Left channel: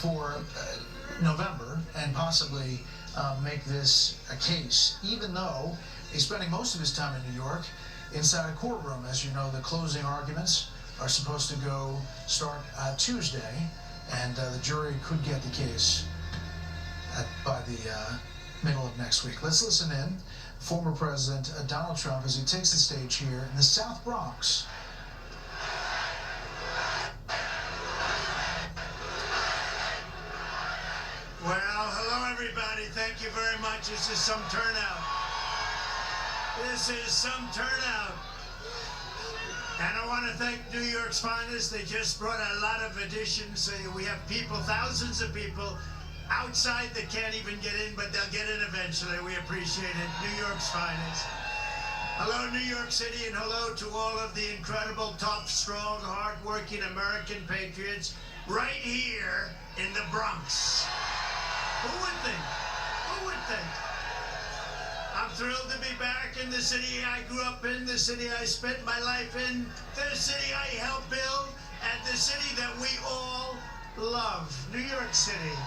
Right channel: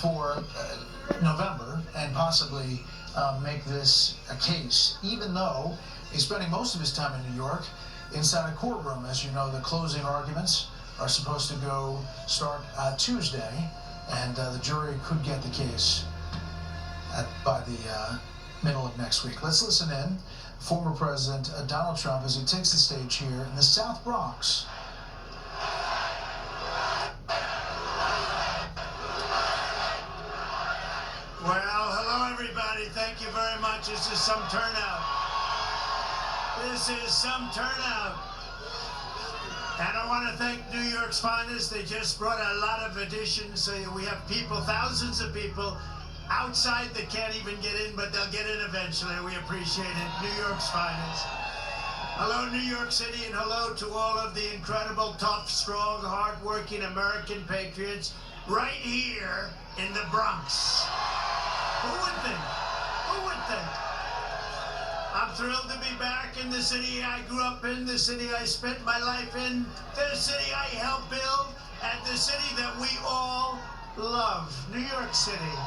for November and possibly make this a case, even though he's spending most of his time in New York inside a courtroom. As you know, the closing arguments are supposed to start Tuesday, and the jury could get the case by the middle of next week. Let's listen in. Former President Donald Trump as he takes the stage here in the South Bronx. Well, hello everybody. Thank you very much. This is some turnout. This is some turnout. And I want to thank New York's finest. They just brought a lot of additions. So we have people, thousands of people outside that can't even get in, but they'll get in eventually. We appreciate it. New York's finest. Hello, New York City, and hello to all of the incredible, tough, strong, hard-working American patriots right here in the Bronx. Who would think? Who would think? I'm thrilled to be back in the city I grew up in, the city I spent my life in, the city I helped build, and the city that we all love, New York City.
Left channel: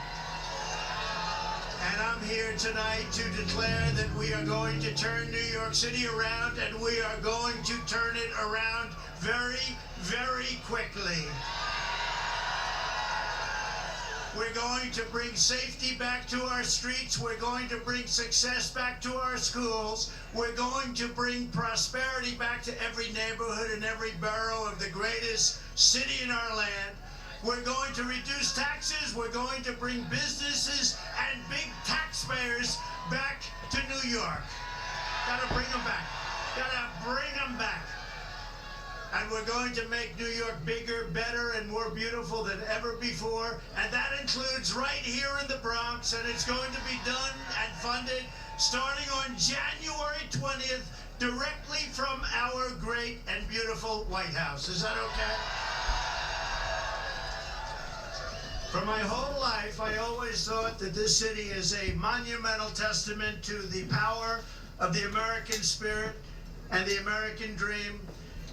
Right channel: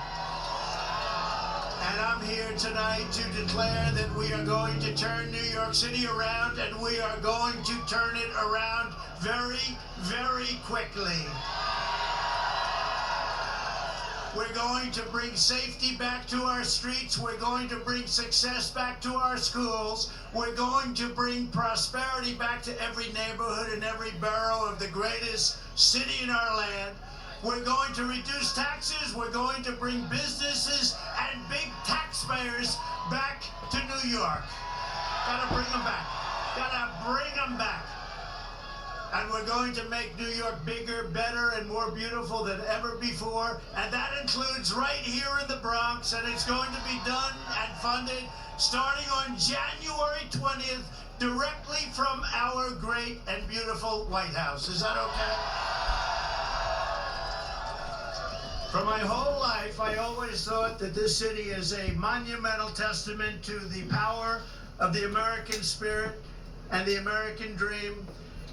And I'm here tonight to declare that we are going to turn New York City around, and we are going to turn it around very, very quickly. We're going to bring safety back to our streets. We're going to bring success back to our schools. We're going to bring prosperity back to every neighborhood and every borough of the greatest city in our land. We're going to reduce taxes. We're going to bring businesses and big taxpayers back to New York. Gotta bring them back. Gotta bring them back. And we're going to make New York bigger, better, and more beautiful than ever before. And that includes right here in the Bronx. And it's going to be done and funded starting on January 20th, directly from our great and beautiful White House. Is that okay? For my whole life, I always thought that this city is a monumental testament to the power of the American spirit and the American dream.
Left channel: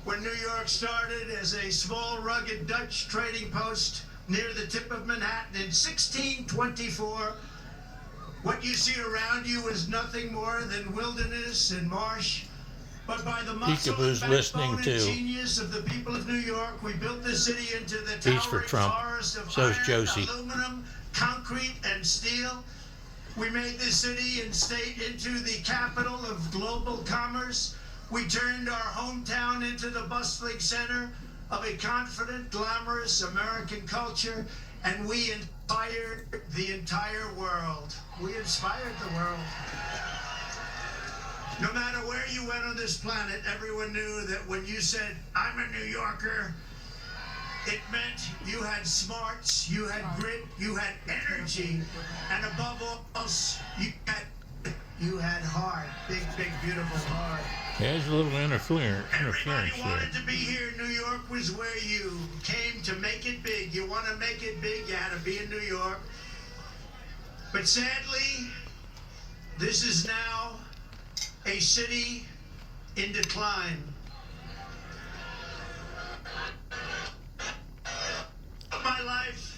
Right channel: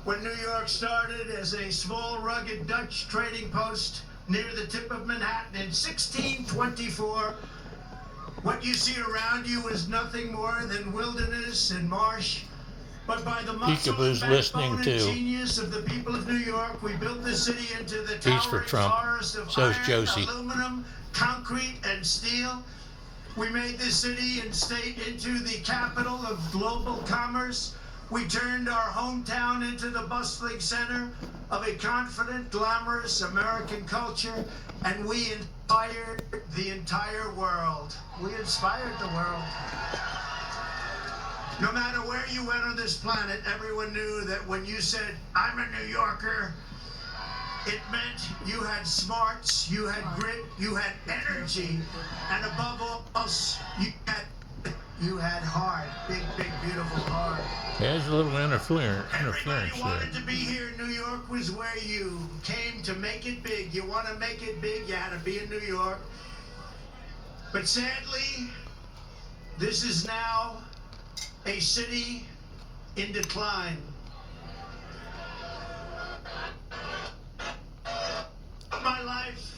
When New York started as a small, rugged Dutch trading post near the tip of Manhattan in 1624, what you see around you is nothing more than wilderness and marsh. But by the muscle and backbone and genius of the people of New York, we built the city into the towering forest of iron, aluminum, concrete, and steel. We made this city and state into the capital of global commerce. We turned our hometown into the bustling center of a confident, glamorous American culture, and we inspired the entire world. We inspired the world. No matter where you went on this planet, everyone knew that when you said, "I'm a New Yorker," it meant you had smarts, you had grit, you had energy, and above all else, you had heart. Big, big, beautiful heart. There's a little interference Everybody wanted to be here. New York was where you came to make it big. You want to make it big, you had to be in New York. But sadly, this is now a city in decline. My life,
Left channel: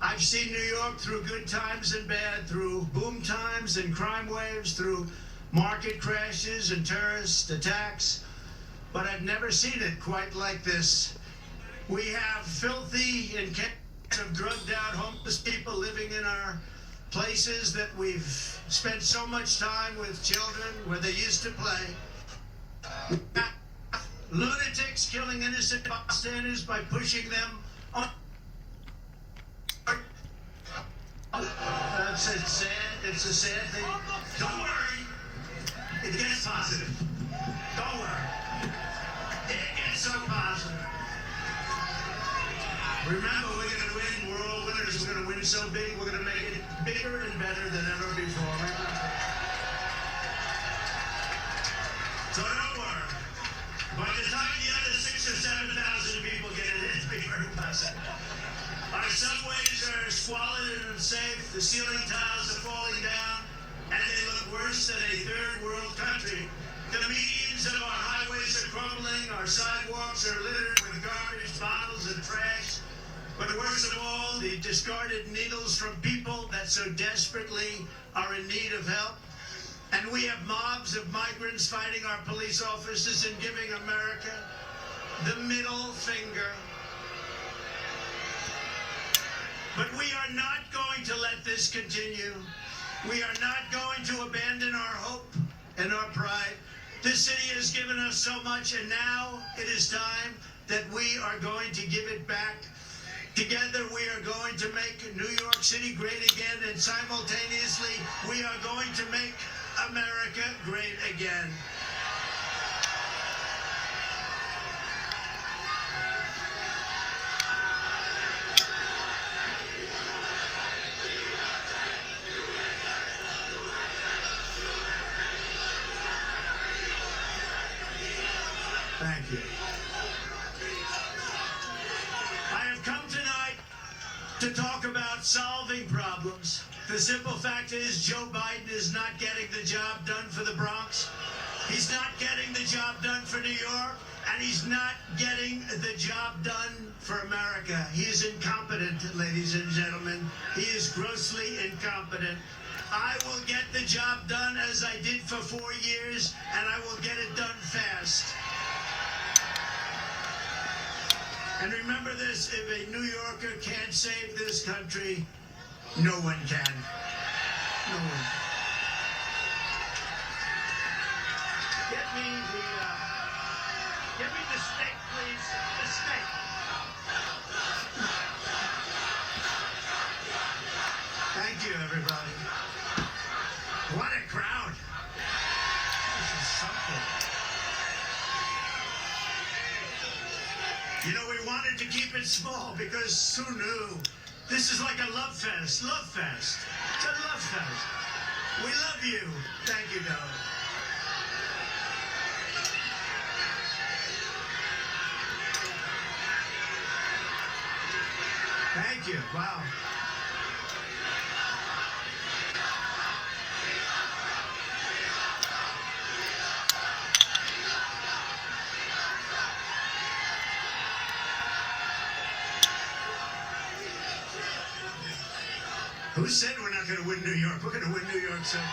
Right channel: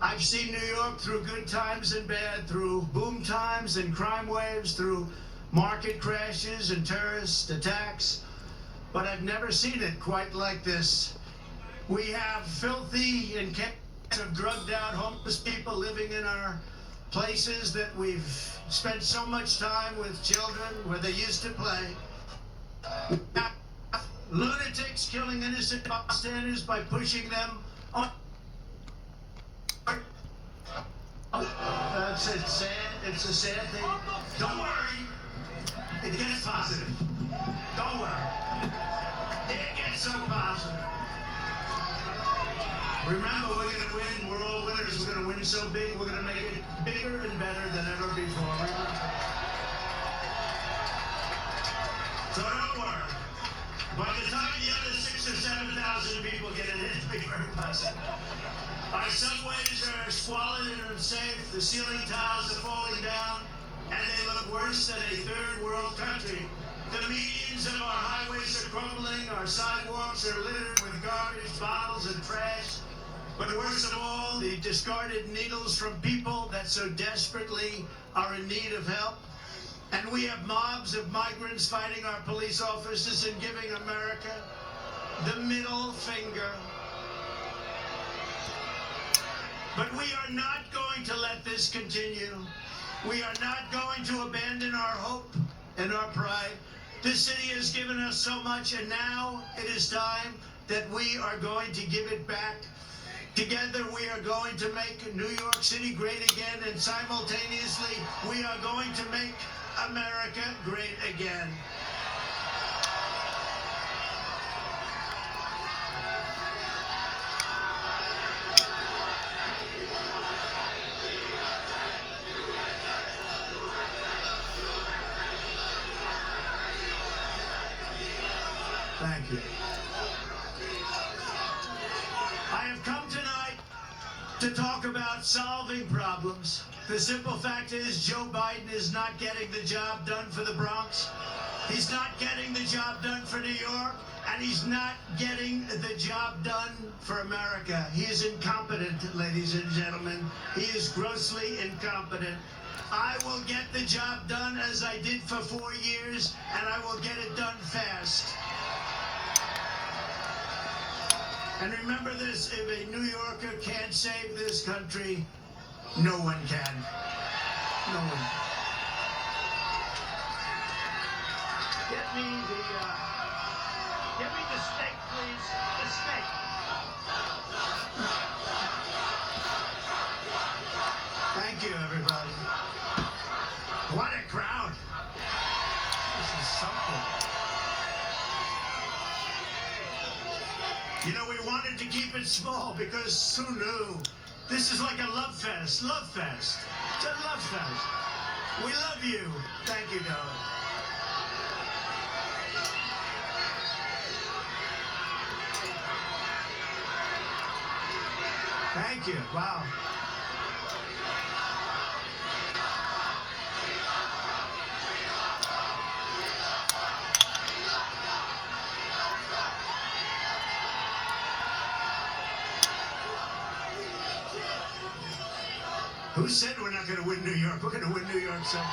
I've seen New York through good times and bad, through boom times and crime waves, through market crashes and terrorist attacks, but I've never seen it quite like this. We have filthy and drugged out homeless people living in our places that we've spent so much time with children where they used to play. Lunatics killing innocent bystanders by pushing them on. It's a sad thing. Don't worry. It gets positive. Don't worry. It gets so positive. Remember, we're going to win. We're all winners. We're going to win so big. We're going to make it bigger and better than ever before. So don't worry. By the time the other 6,000 or 7,000 people get in, it'll be very positive. Our subways are squalid and unsafe. The ceiling tiles are falling down, and they look worse than a third world country. The medians of our highways are crumbling. Our sidewalks are littered with garbage, bottles, and trash. But worst of all, the discarded needles from people that so desperately are in need of help. And we have mobs of migrants fighting our police officers and giving America the middle finger. But we are not going to let this continue. We are not going to abandon our hope and our pride. This city has given us so much, and now it is time that we are going to give it back. Together we are going to make New York City great again, and simultaneously we are going to make America great again. Thank you. I have come tonight to talk about solving problems. The simple fact is Joe Biden is not getting the job done for the Bronx. He's not getting the job done for New York, and he's not getting the job done for America. He is incompetent, ladies and gentlemen. He is grossly incompetent. I will get the job done as I did for 4 years, and I will get it done fast. And remember this, if a New Yorker can't save this country, no one can. No one. Get me the steak, please. The steak. Thank you, everybody. What a crowd. This is something. You know, we wanted to keep it small because who knew? This is like a love fest. Love fest. It's a love fest. We love you. Thank you, darling. Thank you. Wow. Who said we're not going to win New York? We're going to win New York someday.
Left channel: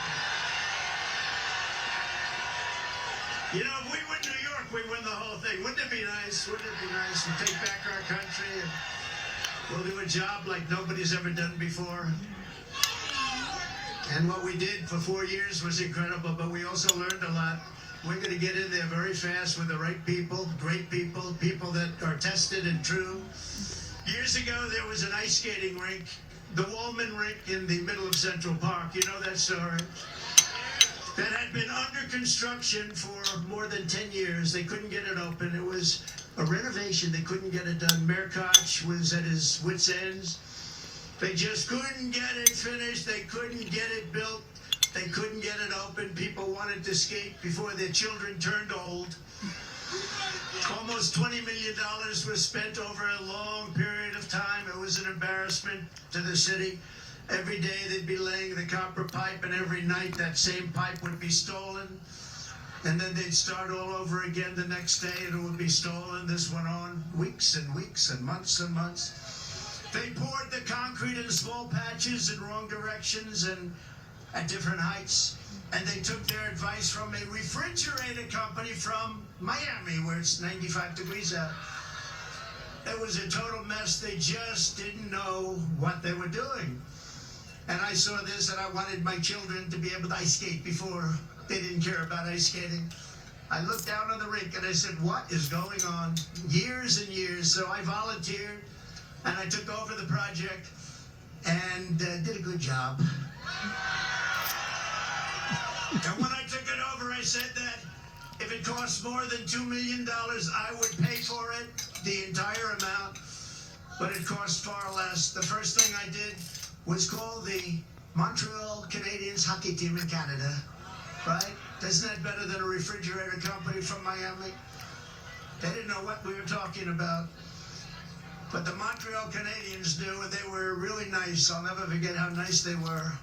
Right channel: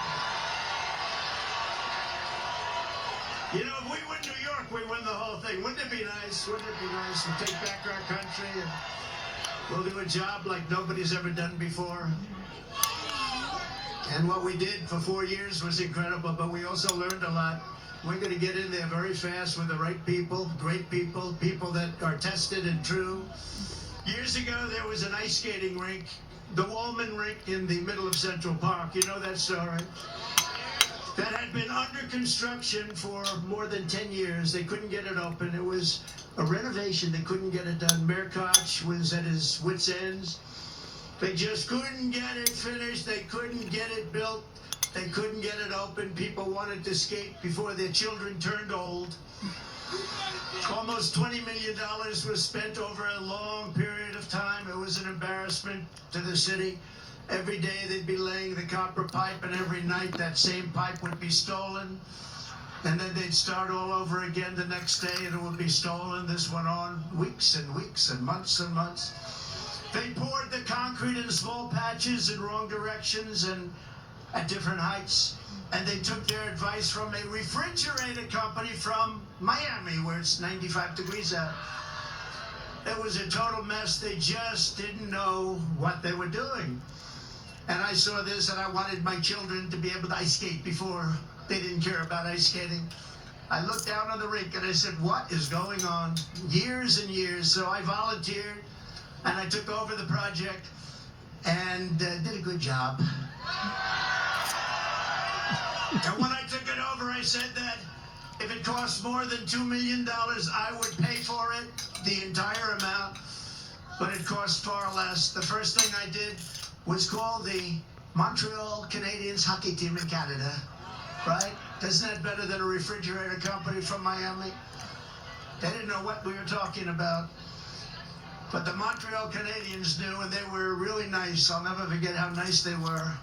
You know, if we win New York, we win the whole thing. Wouldn't it be nice? Wouldn't it be nice to take back our country and we'll do a job like nobody's ever done before? And what we did for 4 years was incredible, but we also learned a lot. We're going to get in there very fast with the right people, great people, people that are tested and true. Years ago, there was an ice skating rink, the Wallman Rink in the middle of Central Park. You know that story? That had been under construction for more than 10 years. They couldn't get it open. It was a renovation. They couldn't get it done. Mayor Koch was at his wit's ends. They just couldn't get it finished. They couldn't get it built. They couldn't get it open. People wanted to skate before their children turned old. Almost $20 million was spent over a long period of time. It was an embarrassment to the city. Every day they'd be laying the copper pipe, and every night that same pipe would be stolen. And then they'd start all over again the next day, and it would be stolen. This went on weeks and weeks and months and months. They poured the concrete in small patches in wrong directions and at different heights. And they took their advice from a refrigerator company from Miami, where it's 95 degrees out. It was a total mess. They just didn't know what they were doing. And I saw this, and I wanted my children to be able to ice skate before. They didn't care about ice skating. I looked down on the rink, and I said, what is going on? Years and years. So I volunteered, and I took over the project, and did a good job. And when I took it over, I said that if it costs more than $2 million, I would pay for it, the entire amount. But it cost far less. The first thing I did was call the Montreal Canadiens hockey team in Canada, right? Isn't that better than a refrigerator company from Miami? They didn't know what we were talking about. But the Montreal Canadiens knew, and they were really nice. I'll never forget how nice they were.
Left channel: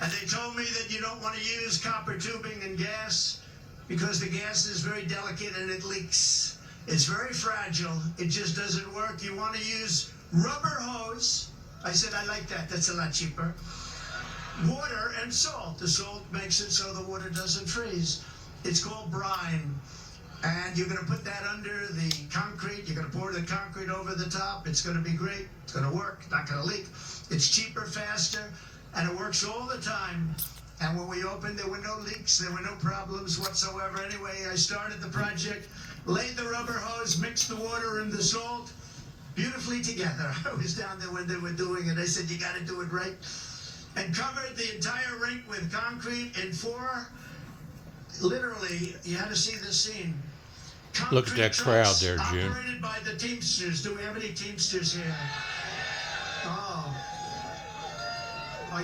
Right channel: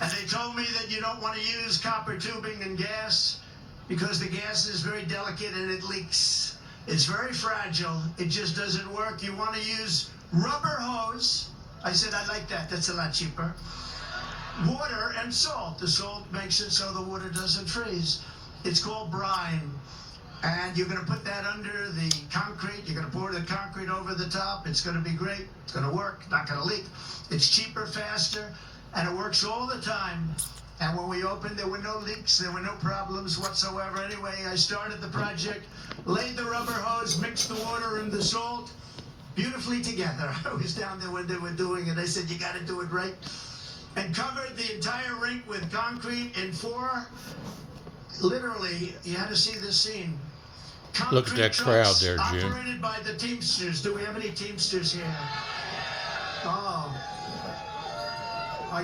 And they told me that you don't want to use copper tubing and gas because the gas is very delicate and it leaks. It's very fragile. It just doesn't work. You want to use rubber hose I said, I like that. That's a lot cheaper. Water and salt. The salt makes it so the water doesn't freeze. It's called brine. And you're going to put that under the concrete. You're going to pour the concrete over the top. It's going to be great. It's going to work. Not going to leak. It's cheaper, faster, and it works all the time. And when we opened, there were no leaks. There were no problems whatsoever. Anyway, I started the project, laid the rubber hose, mixed the water and the salt beautifully together. I was down there when they were doing it. I said, you got to do it right. And covered the entire rink with concrete in 4, literally, you had to see this scene. Concrete Look at that crowd there, June. Operated by the Teamsters. Do we have any Teamsters here? Oh,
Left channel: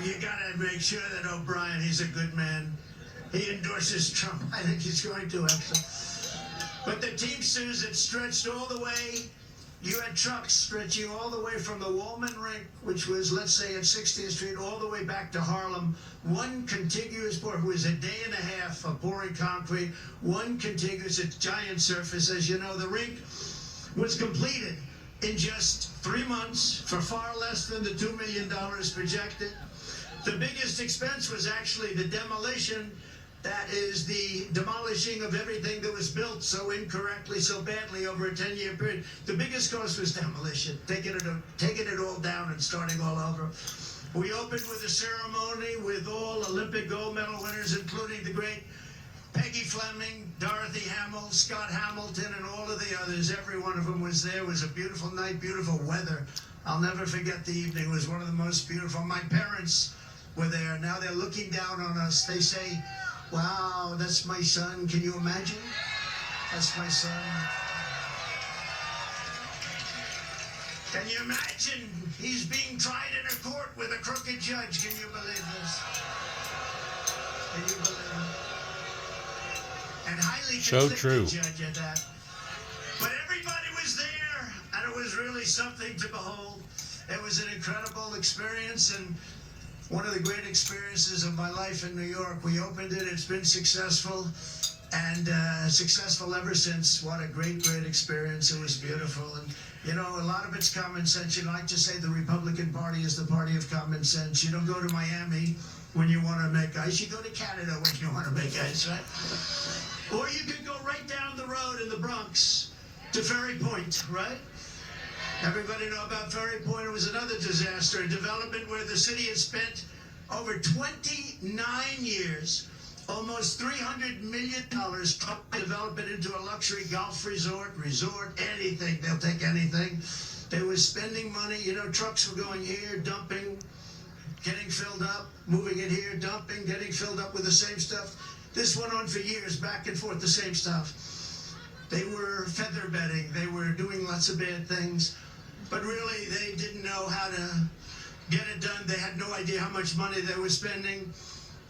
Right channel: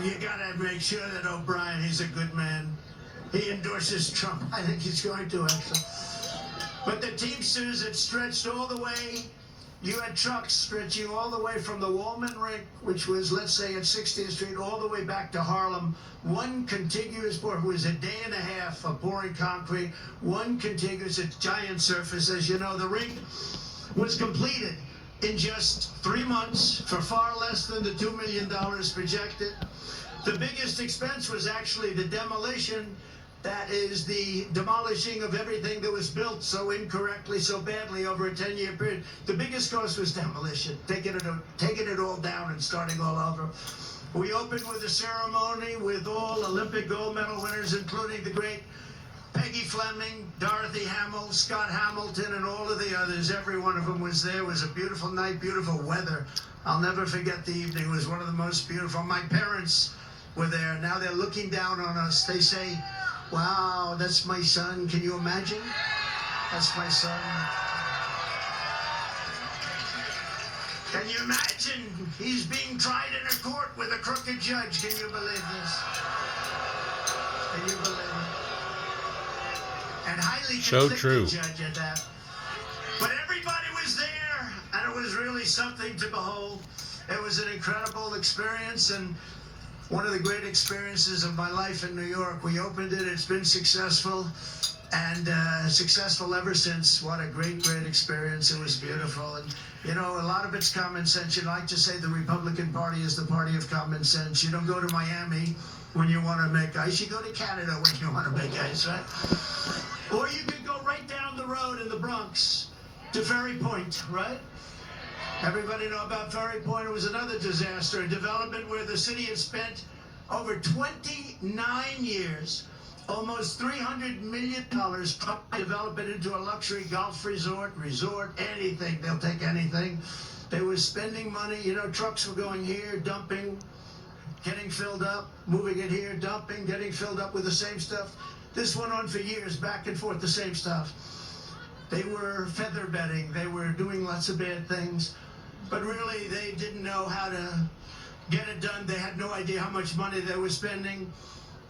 you gotta make sure that O'Brien, he's a good man. He endorses Trump. I think he's going to, actually. But the Teamsters, it stretched all the way. You had trucks stretching all the way from the Wallman Rink, which was, let's say, at 60th Street, all the way back to Harlem. One contiguous pour. It was a day and a half of pouring concrete. One contiguous, a giant surface. As you know, the rink was completed in just 3 months for far less than the $2 million projected. The biggest expense was actually the demolition. That is the demolishing of everything that was built so incorrectly, so badly over a 10-year period. The biggest cost was demolition, taking it all down and starting all over. We opened with a ceremony with all Olympic gold medal winners, including the great Peggy Fleming, Dorothy Hamill, Scott Hamilton, and all of the others. Every one of them was there. It was a beautiful night, beautiful weather. I'll never forget the evening. It was one of the most beautiful. My parents were there. Now they're looking down on us. They say, wow, that's my son. Can you imagine? That's my son. Can you imagine? He's being tried in a court with a crooked judge. Can you believe this? Can you believe it? And highly conflicted judge at that. But everybody was there, and it was really something to behold. It was an incredible experience, and one of the great experiences of my life in New York. We opened it. It's been successful, and successful ever since. What a great, great experience. It was beautiful. And, you know, a lot of it's common sense. You like to say the Republican Party is the party of common sense. You don't go to Miami when you want to make ice. You go to Canada when you want to make ice, right? Or you could go right down the road in the Bronx to Ferry Point, right? Everybody know about Ferry Point. It was another disaster, a development where the city has spent over 29 years, almost $300 million to develop it into a luxury golf resort, anything. They'll take anything. They were spending money. You know, trucks were going here, dumping, getting filled up, moving it here, dumping, getting filled up with the same stuff. This went on for years, back and forth, the same stuff. They were feather bedding. They were doing lots of bad things. But really, they didn't know how to get it done. They had no idea how much money they were spending.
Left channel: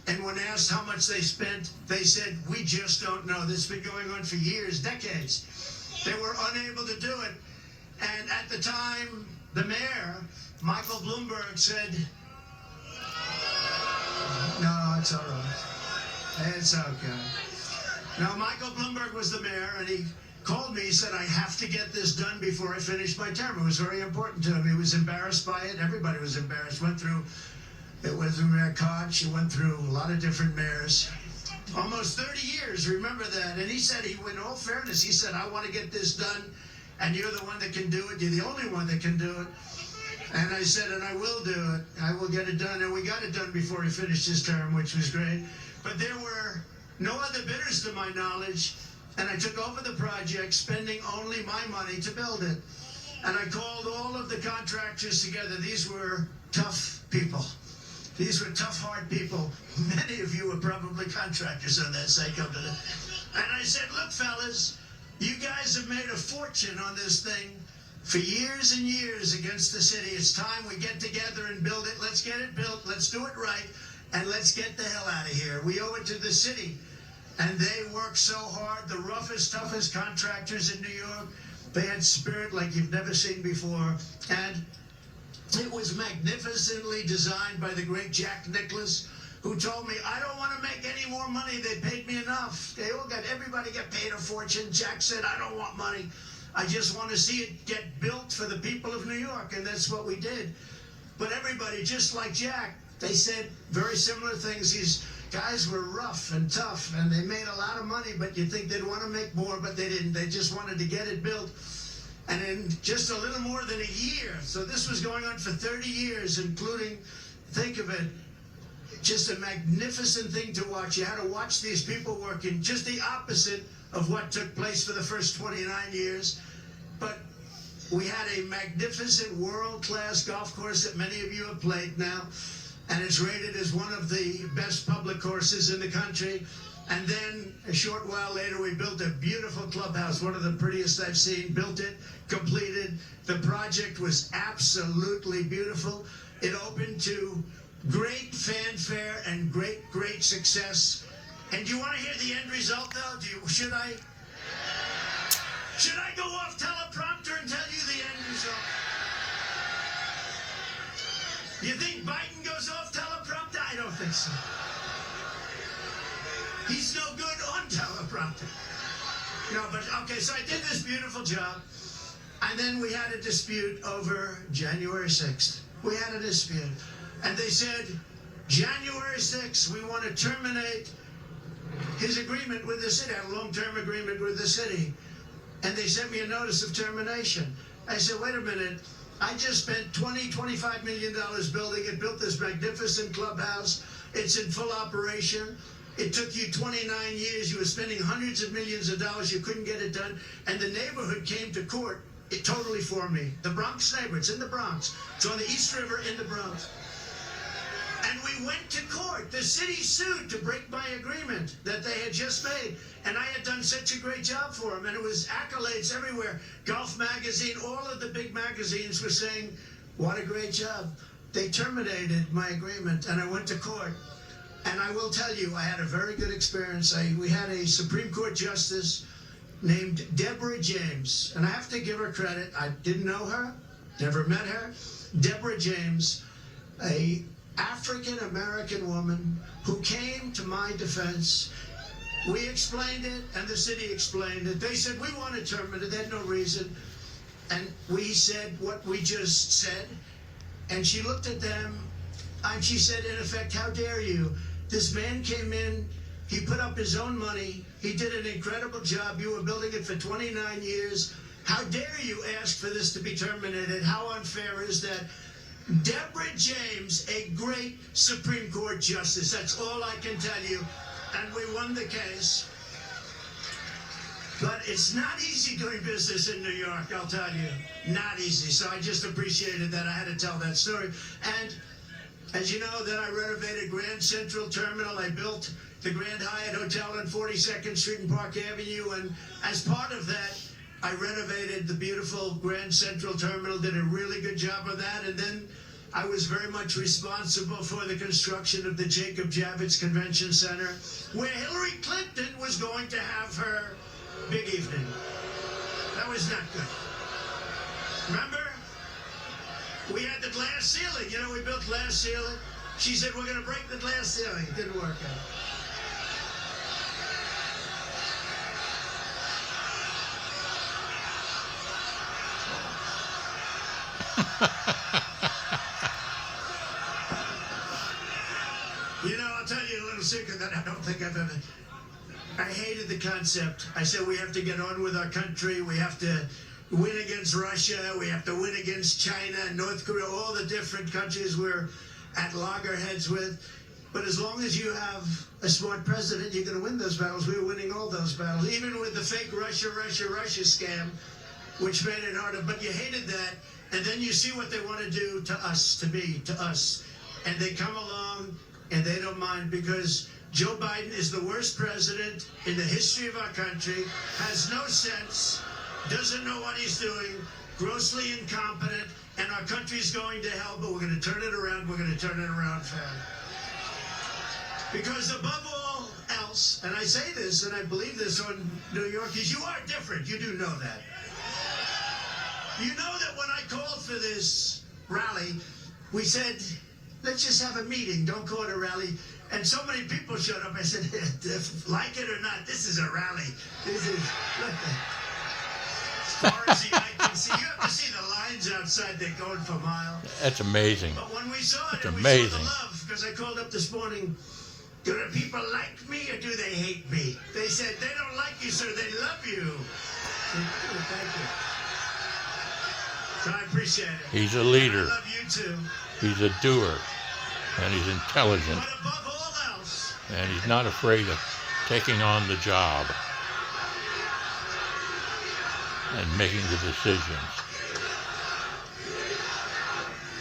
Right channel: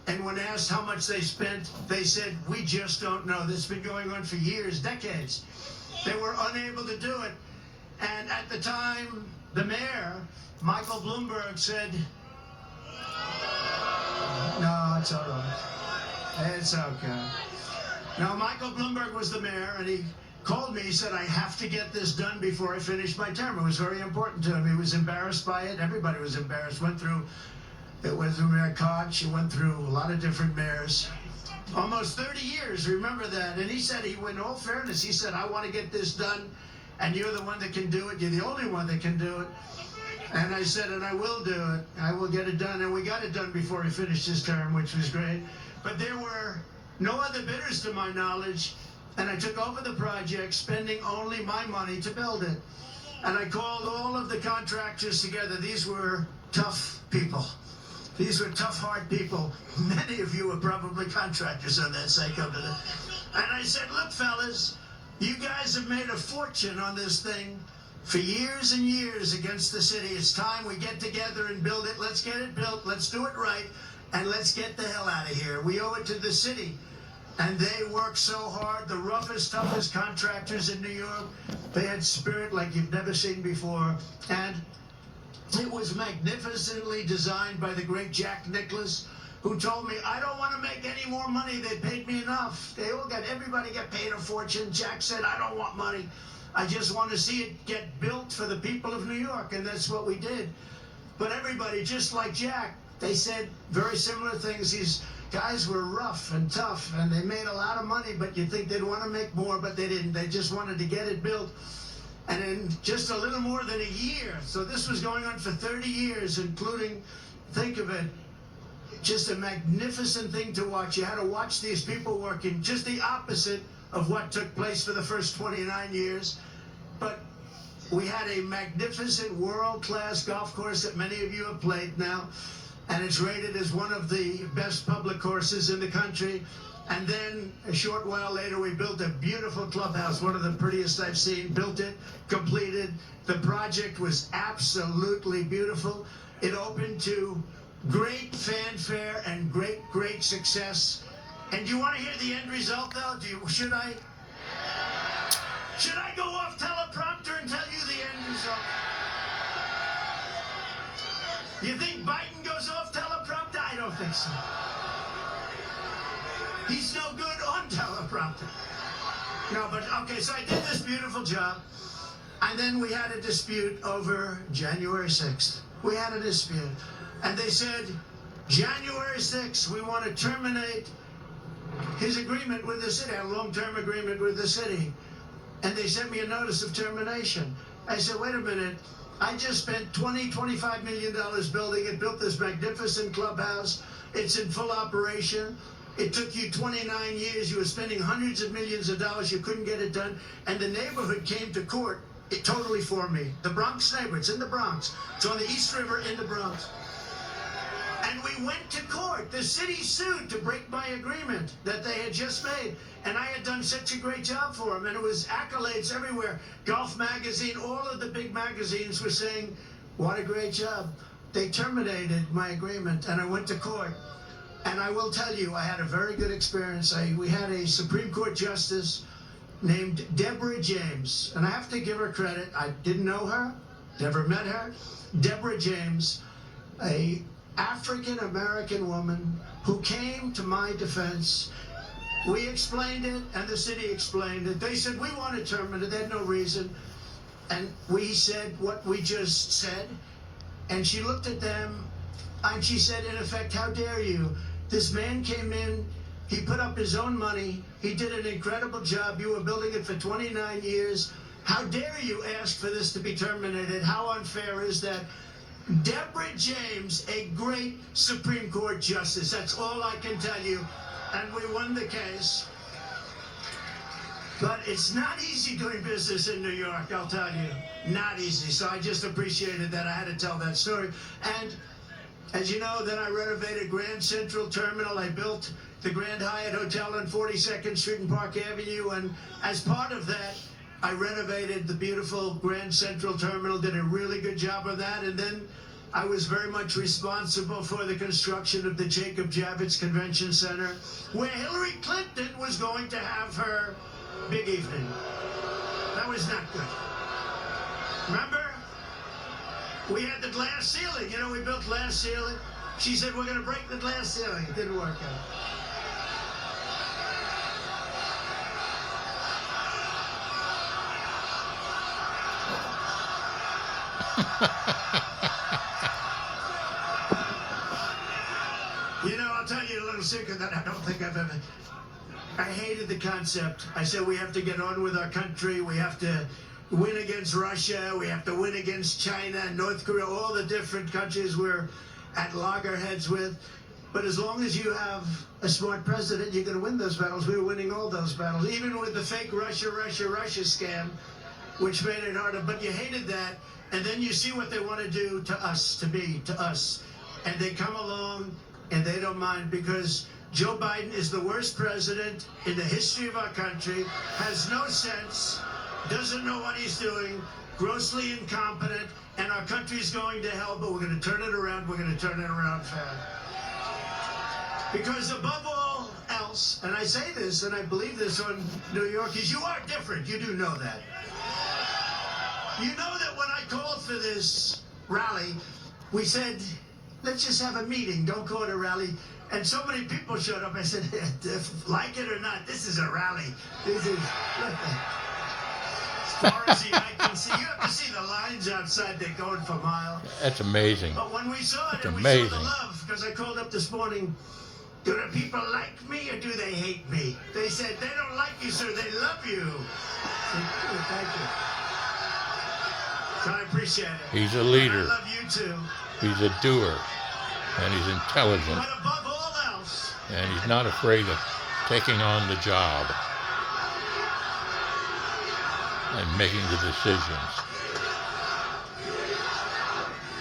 And when asked how much they spent, they said, we just don't know. This has been going on for years, decades. They were unable to do it. And at the time, the mayor, Michael Bloomberg, said, no, it's all right. It's okay. Now, Michael Bloomberg was the mayor, and he called me. He said, I have to get this done before I finish my term. It was very important to him. He was embarrassed by it. Everybody was embarrassed. It went through Mayor Koch. It went through a lot of different mayors. Almost 30 years, remember that. And he said, in all fairness, he said, I want to get this done, and you're the one that can do it. You're the only one that can do it. And I said, and I will do it. I will get it done. And we got it done before he finished his term, which was great. But there were no other bidders to my knowledge. And I took over the project, spending only my money to build it. And I called all of the contractors together. These were tough people. These were tough, hard people. Many of you were probably contractors on that site over there. And I said, look, fellas, you guys have made a fortune on this thing for years and years against the city. It's time we get together and build it. Let's get it built. Let's do it right. And let's get the hell out of here. We owe it to the city. And they worked so hard, the roughest, toughest contractors in New York. They had spirit like you've never seen before. And it was magnificently designed by the great Jack Nicklaus, who told me, I don't want to make any more money. They paid me enough. Everybody got paid a fortune. Jack said, I don't want money. I just want to see it get built for the people of New York. And that's what we did. But everybody, just like Jack, they said very similar things. These guys were rough and tough, and they made a lot of money, but you'd think they'd want to make more, but they didn't. They just wanted to get it built. And in just a little more than a year, so this was going on for 30 years, including, think of it, just a magnificent thing to watch. You had to watch these people working, just the opposite of what took place for the first 29 years. But we had a magnificent world-class golf course that many of you have played now, and it's rated as one of the best public courses in the country. And then a short while later, we built a beautiful clubhouse, one of the prettiest I've seen. Built it, completed. The project was absolutely beautiful. It opened to great fanfare and great success. And do you want to hear the end result, though? Should I go off teleprompter and tell you the end result? You think Biden goes off teleprompter? I don't think so. He's no good on teleprompter. No, but okay, so I did this beautiful job, and then we had a dispute over January 6th. We had a dispute, and they said, January 6th, we want to terminate his agreement with the city, a long-term agreement with the city. And they sent me a notice of termination. I said, wait a minute, I just spent $25 million building it, built this magnificent clubhouse. It's in full operation. It took you 29 years. You were spending hundreds of millions of dollars. You couldn't get it done. And the neighborhood came to court totally for me. The Bronx neighborhood, it's in the Bronx. It's on the East River in the Bronx. And we went to court. The city sued to break my agreement that they had just made. And I had done such a great job for them. And it was accolades everywhere. Golf Magazine, all of the big magazines were saying, what a great job. They terminated my agreement, and I went to court. And I will tell you, I had a very good experience. We had a Supreme Court justice named Deborah James. And I have to give her credit. I didn't know her, never met her. Deborah James, a African-American woman who came to my defense. We explained it, and the city explained it. They said, we want to terminate it. They had no reason. And we said what we just said. And she looked at them, and she said, in effect, how dare you? This man came in, he put up his own money, he did an incredible job, you were building it for 29 years. How dare you ask for this to be terminated? How unfair is that? Deborah James, a great Supreme Court justice, that's all I can tell you. And we won the case. But it's not easy doing business in New York, I'll tell you. Not easy. So I just appreciated that I had to tell that story. And as you know, then I renovated Grand Central Terminal. I built the Grand Hyatt Hotel on 42nd Street and Park Avenue. And as part of that, I renovated the beautiful Grand Central Terminal, did a really good job of that. And then I was very much responsible for the construction of the Jacob Javits Convention Center, where Hillary Clinton was going to have her big evening. That was not good. Remember? We had the glass ceiling. You know, we built glass ceiling. She said, we're going to break the glass ceiling. It didn't work out. You know, I'll tell you a little secret that I don't think I've ever... I hated the concept. I said we have to get on with our country. We have to win against Russia. We have to win against China, North Korea, all the different countries we're at loggerheads with. But as long as you have a smart president, you're going to win those battles. We were winning all those battles, even with the fake Russia scam, which made it harder. But you hated that. And then you see what they want to do to us, to us. And they come along and they don't mind, because Joe Biden is the worst president in the history of our country, has no sense, doesn't know what he's doing, grossly incompetent, and our country's going to hell, but we're going to turn it around. We're going to turn it around fast. Because above all else, and I say this and I believe this on New York, is you are different. You do know that. You know that when I called for this rally, we said, let's just have a meeting. Don't call it a rally. And so many people showed up. I said, like it or not, this is a rally. This is, look, as far as the eye can see. You have to see the lines outside, they're going for miles. That's amazing. But when we saw it, That's and we saw the amazing. love, because I called up this morning, do the people like me or do they hate me? They said, they don't like you, sir, they love you. Thank you. So I appreciate it. He's a leader. I love you too. He's a doer. And he's intelligent. But above all else, And he's not afraid of taking on the job and making the decisions.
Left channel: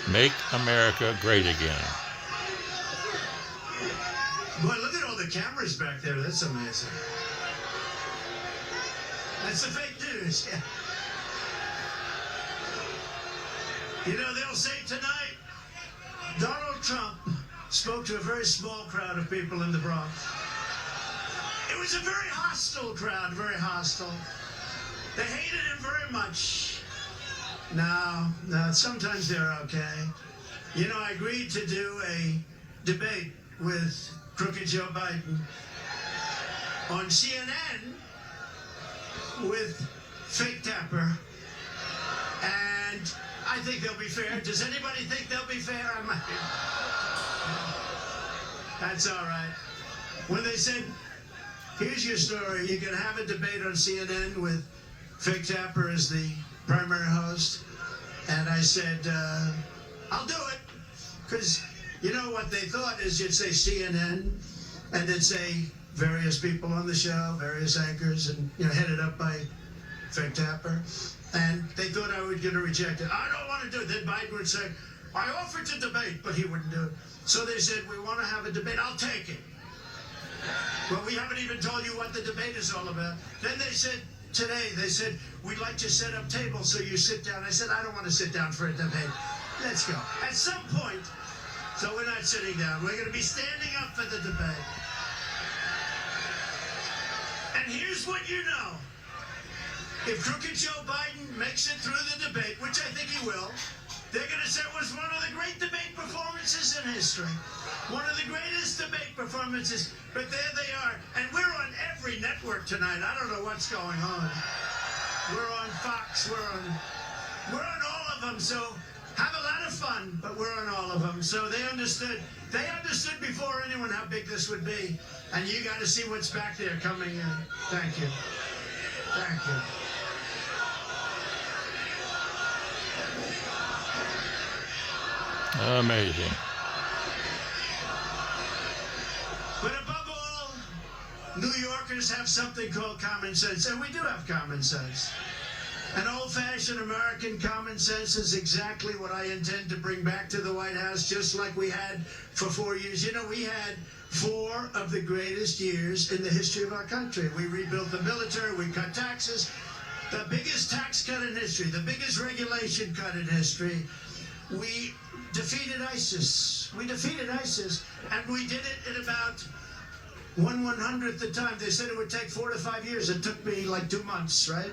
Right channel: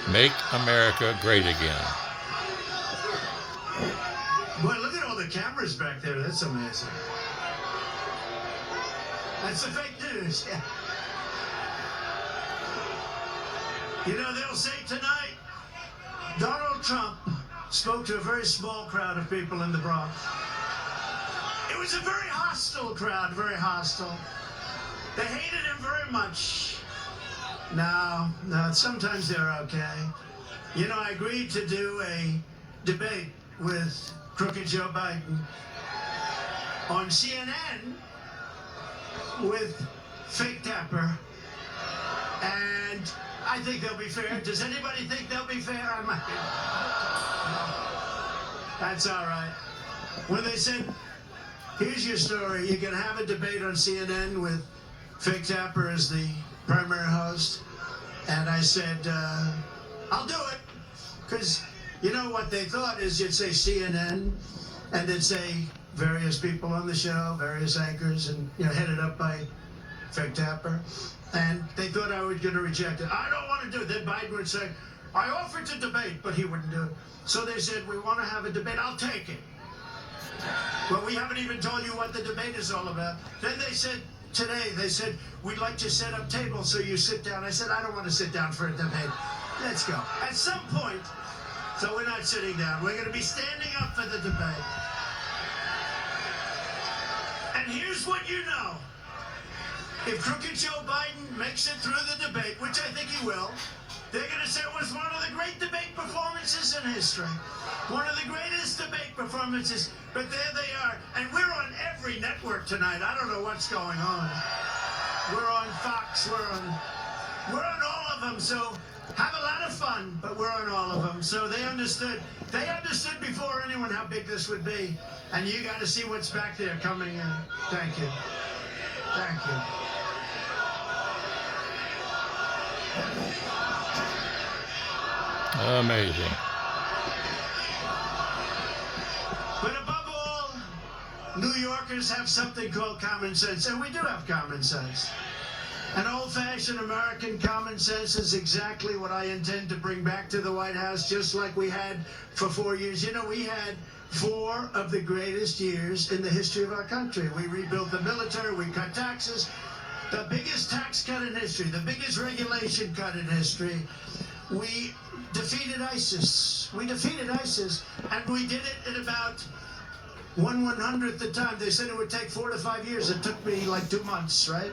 Make America great again. boy, look at all the cameras back there. That's amazing. That's the fake news. Yeah. You know, they'll say tonight, Donald Trump spoke to a very small crowd of people in the Bronx. It was a very hostile crowd, very hostile. They hated him very much. No, sometimes they're okay. You know, I agreed to do a debate with crooked Joe Biden on CNN with fake Tapper. And I think they'll be fair. Does anybody think they'll be fair? I might. That's all right. When they said, here's your story, you can have a debate on CNN with fake Tapper as the primary host. And I said, I'll do it. Because you know what they thought is you'd say CNN and then say various people on the show, various anchors, and headed up by fake Tapper. And they thought I was going to reject it. I don't want to do it. Then Biden would say, I offered to debate, but he wouldn't do it. So they said, we want to have a debate. I'll take it. Well, we haven't even told you what the debate is all about. Then they said, today, they said, we'd like to set up tables so you sit down. I said, I don't want to sit down for a debate. Let's go. At some point, so we're not sitting down. We're going to be standing up for the debate. And here's what you know. If crooked Joe Biden makes it through the debate, which I think he will, they're going to say it was one of the great debate performances in history. One of the greatest debate performances. But there they are. And we're on every network tonight. I don't know what's going on. We're on Fox. We're on all of them. So have a lot of fun, but we're on all of them. So they understood. They understood before anyone how big this would be. And you got to see what's back there coming in. Thank you. Thank you. Amazing. But above all, New Yorkers have something called common sense, and we do have common sense. An old-fashioned American common sense is exactly what I intend to bring back to the White House, just like we had for 4 years. You know, we had 4 of the greatest years in the history of our country. We rebuilt the military, we cut taxes, the biggest tax cut in history, the biggest regulation cut in history. We defeated ISIS. We defeated ISIS, and we did it in about 1/100th the time. They said it would take 4 to 5 years. It took me like 2 months, right?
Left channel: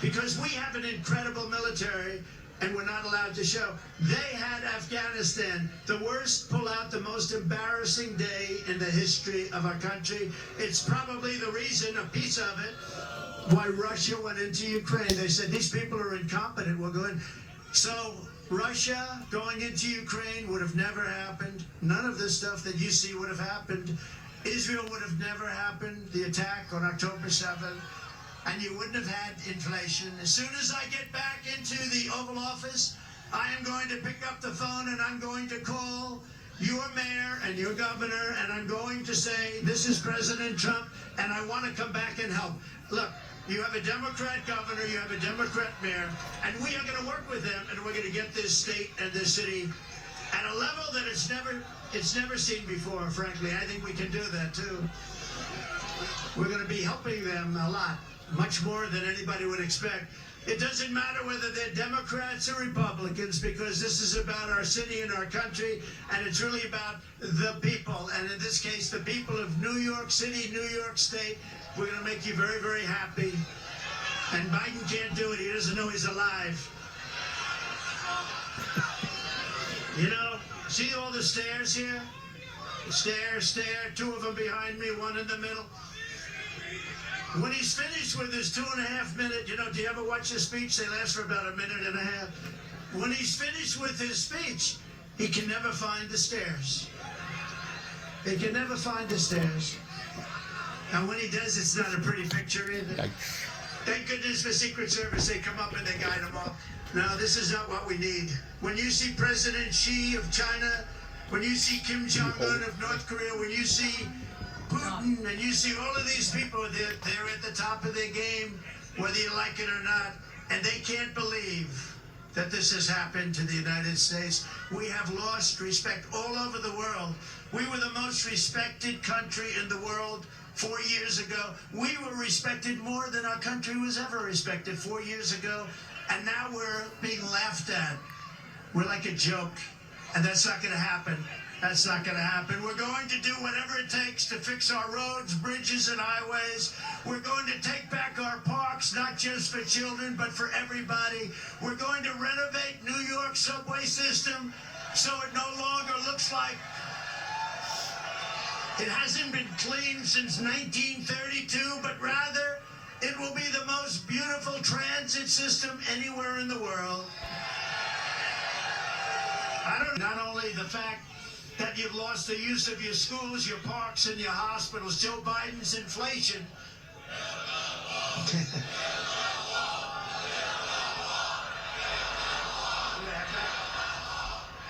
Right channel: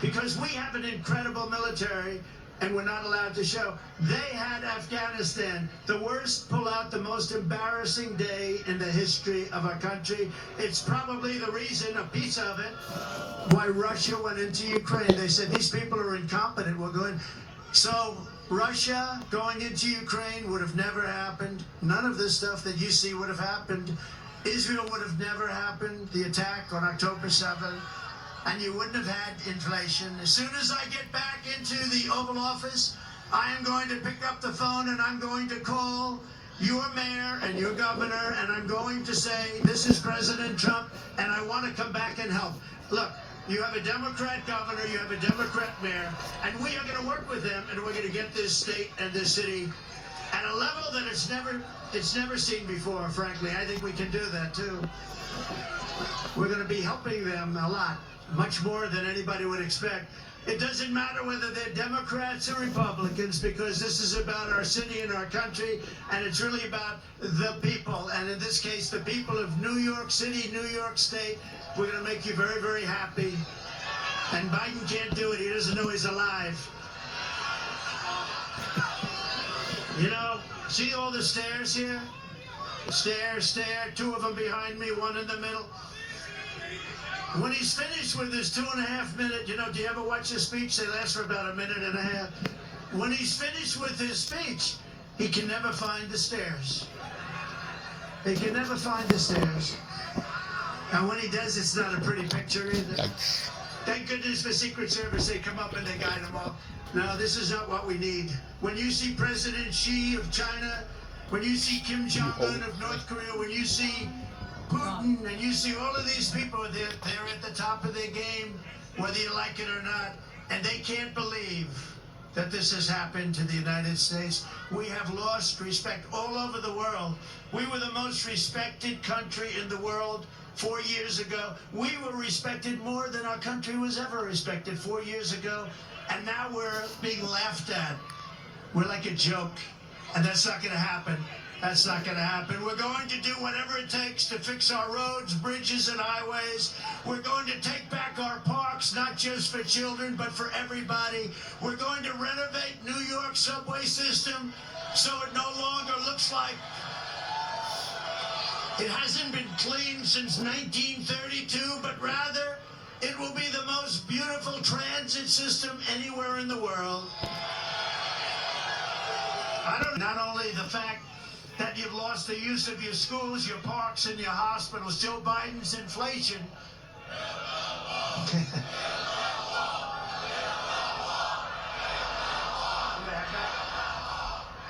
Because we have an incredible military, and we're not allowed to show. They had Afghanistan, the worst pullout, the most embarrassing day in the history of our country. It's probably the reason, a piece of it, why Russia went into Ukraine. They said, these people are incompetent. We're going. So Russia going into Ukraine would have never happened. None of this stuff that you see would have happened. Israel would have never happened, the attack on October 7th. And you wouldn't have had inflation. As soon as I get back into the Oval Office, I am going to pick up the phone and I'm going to call your mayor and your governor, and I'm going to say, this is President Trump, and I want to come back and help. Look, you have a Democrat governor, you have a Democrat mayor, and we are going to work with them, and we're going to get this state and this city at a level that it's never seen before, frankly. I think we can do that, too. We're going to be helping them a lot. Much more than anybody would expect. It doesn't matter whether they're Democrats or Republicans, because this is about our city and our country, and it's really about the people. And in this case, the people of New York City, New York State. We're going to make you very, very happy. And Biden can't do it. He doesn't know he's alive. You know, see all the stairs here? Stair, 2 of them behind me, 1 in the middle. When he's finished with his 2.5 minute, do you ever watch his speech? They last for about 1.5 minutes. When he's finished with his speech, he can never find the stairs. He can never find the stairs. And when he does, it's not a pretty picture either. Thank goodness for Secret Service, they come up and they guide him off. No, this is not what we need. When you see President Xi of China, when you see Kim Jong-un of North Korea, when you see Putin, and you see all of these people, they're at the top of their game, whether you like it or not, and they can't believe that this has happened to the United States. We have lost respect all over the world. We were the most respected country in the world 4 years ago. We were respected more than our country was ever respected 4 years ago, and now we're being laughed at. We're like a joke, and that's not going to happen. That's not going to happen. We're going to do whatever it takes to fix our roads, bridges, and highways. We're going to take back our parks, not just for children, but for everybody. We're going to renovate New York's subway system so it no longer looks like it hasn't been cleaned since 1932, but rather it will be the most beautiful transit system anywhere in the world. Not only the fact that you've lost the use of your schools, your parks, and your hospitals. Joe Biden's inflation.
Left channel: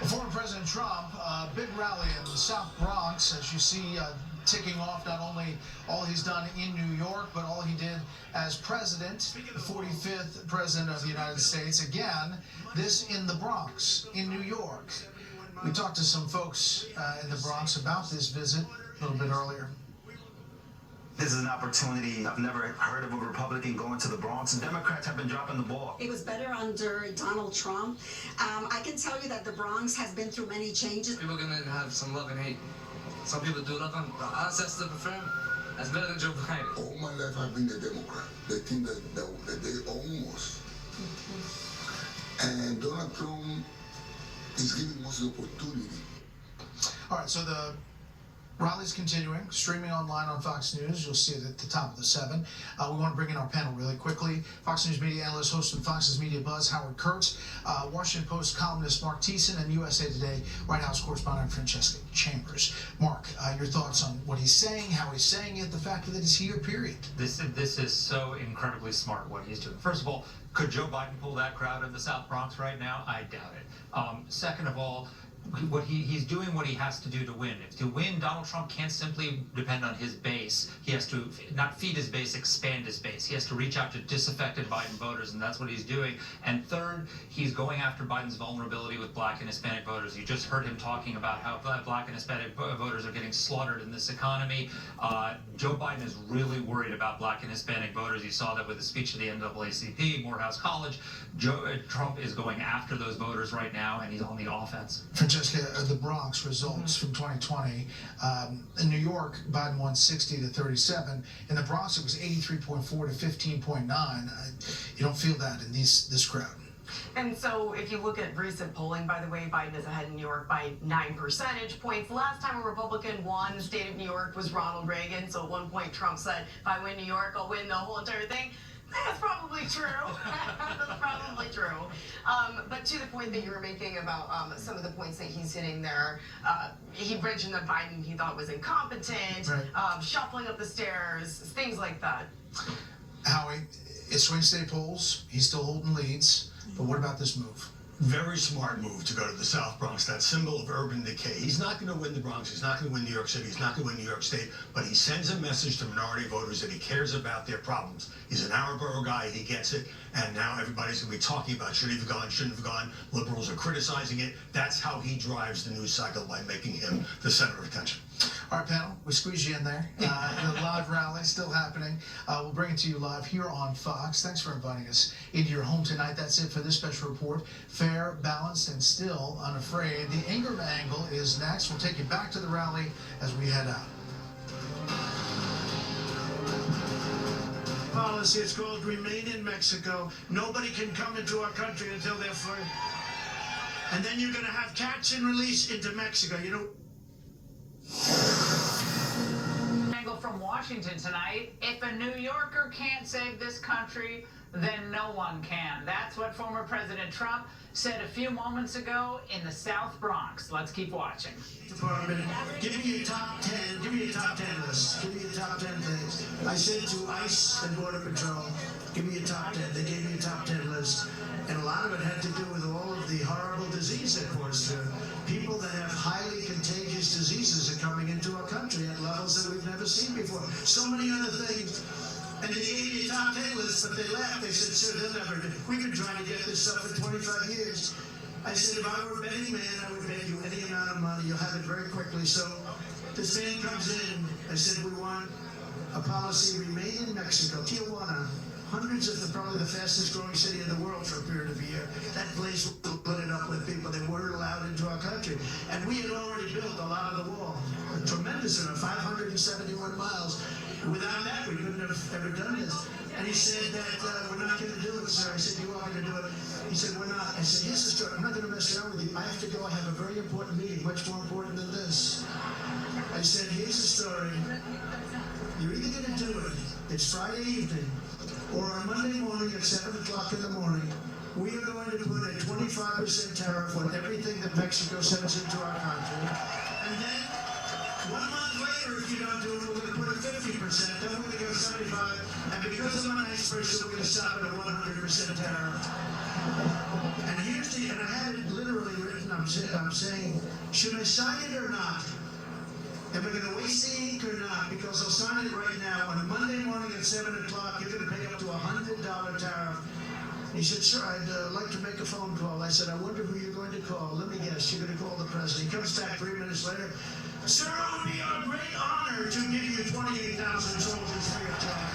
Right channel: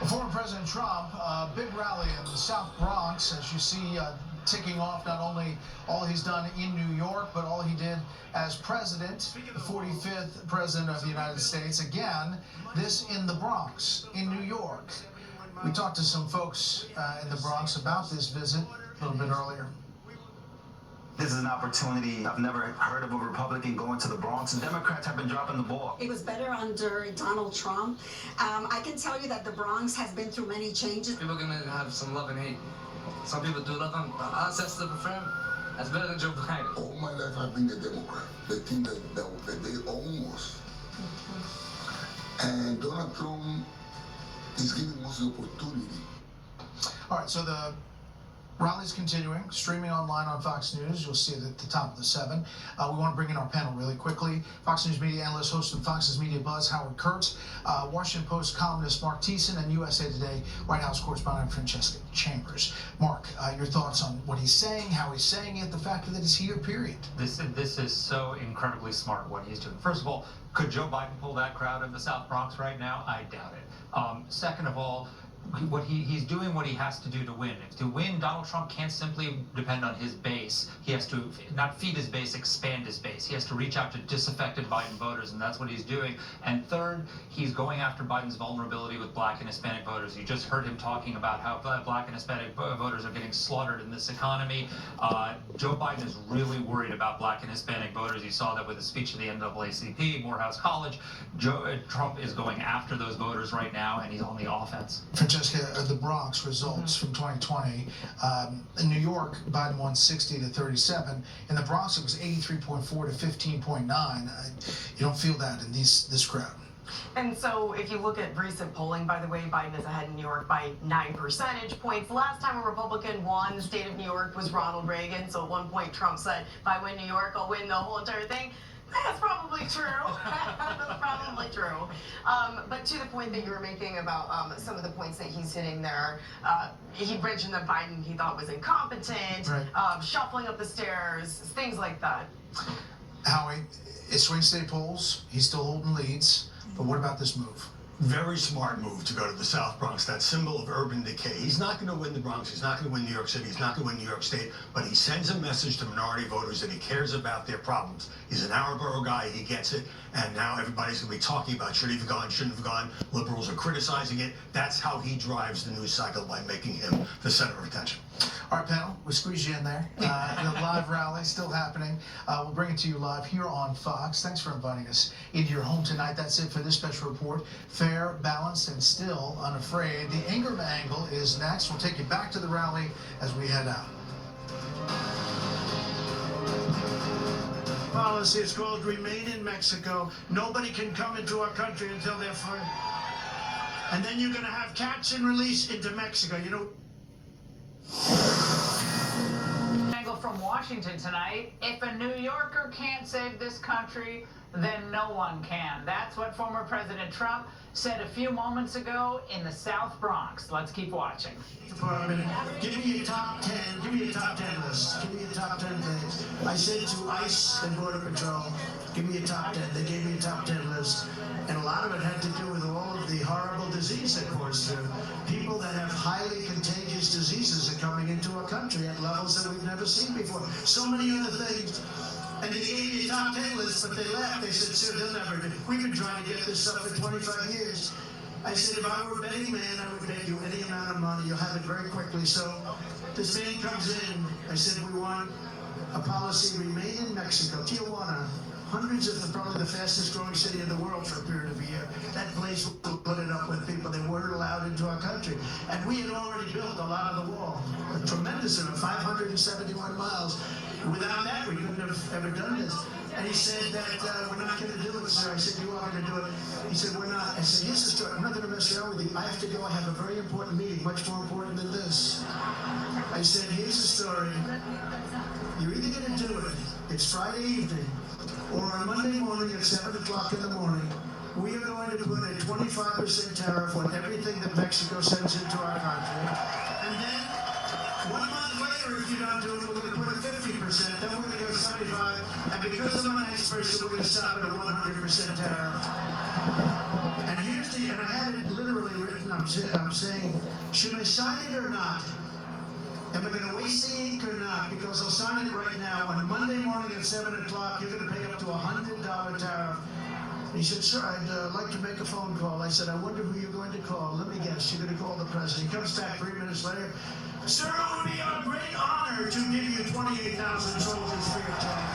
Former President Trump, a big rally in the South Bronx, as you see, ticking off not only all he's done in New York, but all he did as president, the 45th president of the United States. Again, this in the Bronx, in New York. We talked to some folks in the Bronx about this visit a little bit earlier. This is an opportunity. I've never heard of a Republican going to the Bronx, and Democrats have been dropping the ball. It was better under Donald Trump. I can tell you that the Bronx has been through many changes. People are going to have some love and hate. Some people do love him. Us, that's the prefer. That's better than Joe Biden. All my life I've been a Democrat. They think that they own us. And Donald Trump is giving us the opportunity. All right, so the rally's continuing, streaming online on Fox News. You'll see it at the top of the 7. We want to bring in our panel really quickly. Fox News media analyst, host of Fox's Media Buzz, Howard Kurtz, Washington Post columnist Mark Thiessen, and USA Today White House correspondent Francesca Chambers. Mark, your thoughts on what he's saying, how he's saying it, the fact that he's here, period. This is so incredibly smart what he's doing. First of all, could Joe Biden pull that crowd in the South Bronx right now? I doubt it. Second of all, what he's doing what he has to do to win. To win, Donald Trump can't simply depend on his base. He has to not feed his base, expand his base. He has to reach out to disaffected Biden voters, and that's what he's doing. And third, he's going after Biden's vulnerability with Black and Hispanic voters. You just heard him talking about how Black and Hispanic voters are getting slaughtered in this economy. Joe Biden is really worried about Black and Hispanic voters. You saw that with his speech at the NAACP, Morehouse College. Trump is going after those voters right now, and he's on the offense. Francesca, the Bronx results from 2020. In New York, Biden won 60 to 37. In the Bronx, it was 83.4 to 15.9. You don't feel that in this crowd. And so if you look at recent polling, by the way, Biden is ahead in New York by 9 percentage points. Last time a Republican won the state of New York was Ronald Reagan. So at one point, Trump said, if I win New York, I'll win the whole entire thing. That's probably true. That's probably true. But to the point that you were making about some of the points that he's hitting there, he mentioned that Biden he thought was incompetent, right. Shuffling up the stairs, things like that. Howie, it's swing state polls. He's still holding leads. But what about this move? Very smart move to go to the South Bronx, that symbol of urban decay. He's not going to win the Bronx, he's not going to win New York City, he's not going to win New York State, but he sends a message to minority voters that he cares about their problems. He's an our borough guy, he gets it, and now everybody's going to be talking about should he have gone, shouldn't have gone. Liberals are criticizing it. That's how he drives the news cycle, by making him the center of attention. All right, panel, we squeeze you in there. The live rally still happening. We'll bring it to you live here on Fox. Thanks for inviting us into your home tonight. That's it for this special report. Fair, balanced, and still unafraid. The Ingram Angle is next. We'll take you back to the rally as we head out. Policy is called Remain in Mexico. Nobody can come into our country until they're free. And then you're going to have catch and release into Mexico. You know. Angle from from Washington tonight. If a New Yorker can't save this country, then no one can. That's what former President Trump said a few moments ago in the South Bronx. Let's keep watching. Department, give me a top 10, give me a top 10 list. Give me a top 10 things. I said to ICE and Border Patrol, give me a top 10. They gave me a top 10 list. And a lot of it had to do with all of the horrible disease that pours through. People that have highly contagious diseases are coming into our country at levels that we've never seen before. So many other things. And they gave me a top 10 list, but they left. They said, sir, they'll never do. We've been trying to get this stuff for 25 years. I said, if I were a betting man, I would bet you any amount of money. You'll have it very quickly. So this man comes in. I said, we want a policy, remain in Mexico, Tijuana. Hundreds of probably the fastest growing city in the world for a period of a year. That place will put it up with people that weren't allowed into our country. And we had already built a lot of the wall. A tremendous amount, 571 miles. Without that, we couldn't have ever done this. And he said that we're not going to do it, sir. I said, you are going to do it. He said, we're not. I said, here's the story. I'm not going to mess around with you. I have to go. I have a very important meeting, much more important than this. I said, here's the story. You're either going to do it, it's Friday evening, or on Monday morning at 7 o'clock in the morning, we are going to put a 25% tariff on everything that Mexico sends into our country. And then 1 month later, if you don't do it, we're going to put a 50%, then we're going to go 75%, and because I'm a nice person, we're going to stop at a 100% tariff. And here's the, and I have it literally written, I'm saying, should I sign it or not? Am I going to waste the ink or not? Because I'll sign it right now. On a Monday morning at 7 o'clock, you're going to pay up to a $100 tariff. He said, sir, I'd like to make a phone call. I said, I wonder who you're going to call. Let me guess, you're going to call the president. He comes back 3 minutes later. Sir, it would be a great honor to give you 28,000 soldiers free of charge.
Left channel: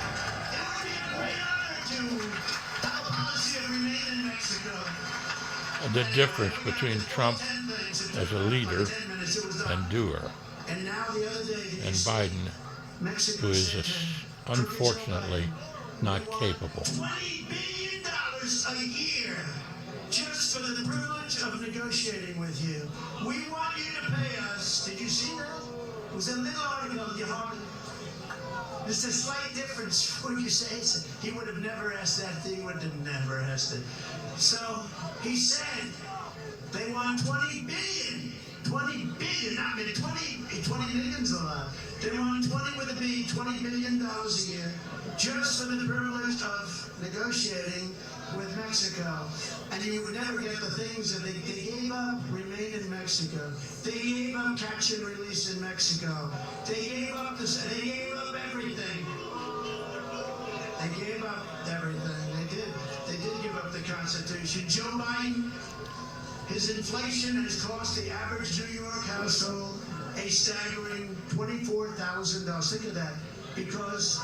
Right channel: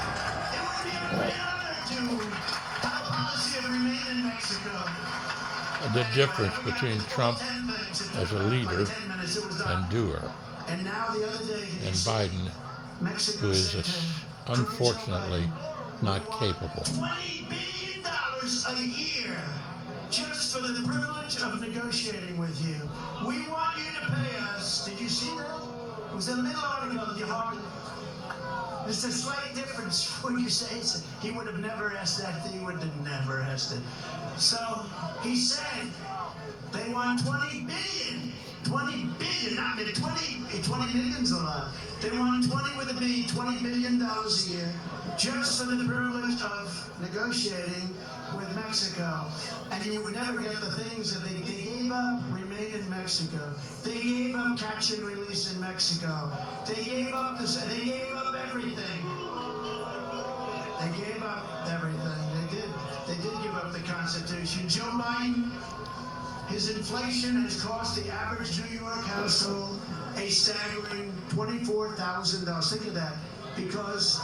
It would be a great honor to have a policy of remain in Mexico. The difference between Trump as a leader and doer, and now the other day, and Biden, who is unfortunately not capable. $20 billion a year just for the privilege of negotiating with you. We want you to pay us. Did you see that? It was a little article of your heart. There's a slight difference when you say it. He would have never asked that. He would have never asked it. So he said they want 20 billion. 20 billion, I mean 20 million's a lot. They want 20 with a B, $20 billion a year, just for the privilege of negotiating with Mexico. And you would never get the things that they gave up, remain in Mexico. They gave up catch and release in Mexico. They gave up everything. They gave up everything. They did give up the Constitution. Joe Biden, his inflation has cost the average New York household a staggering $24,000. Think of that, because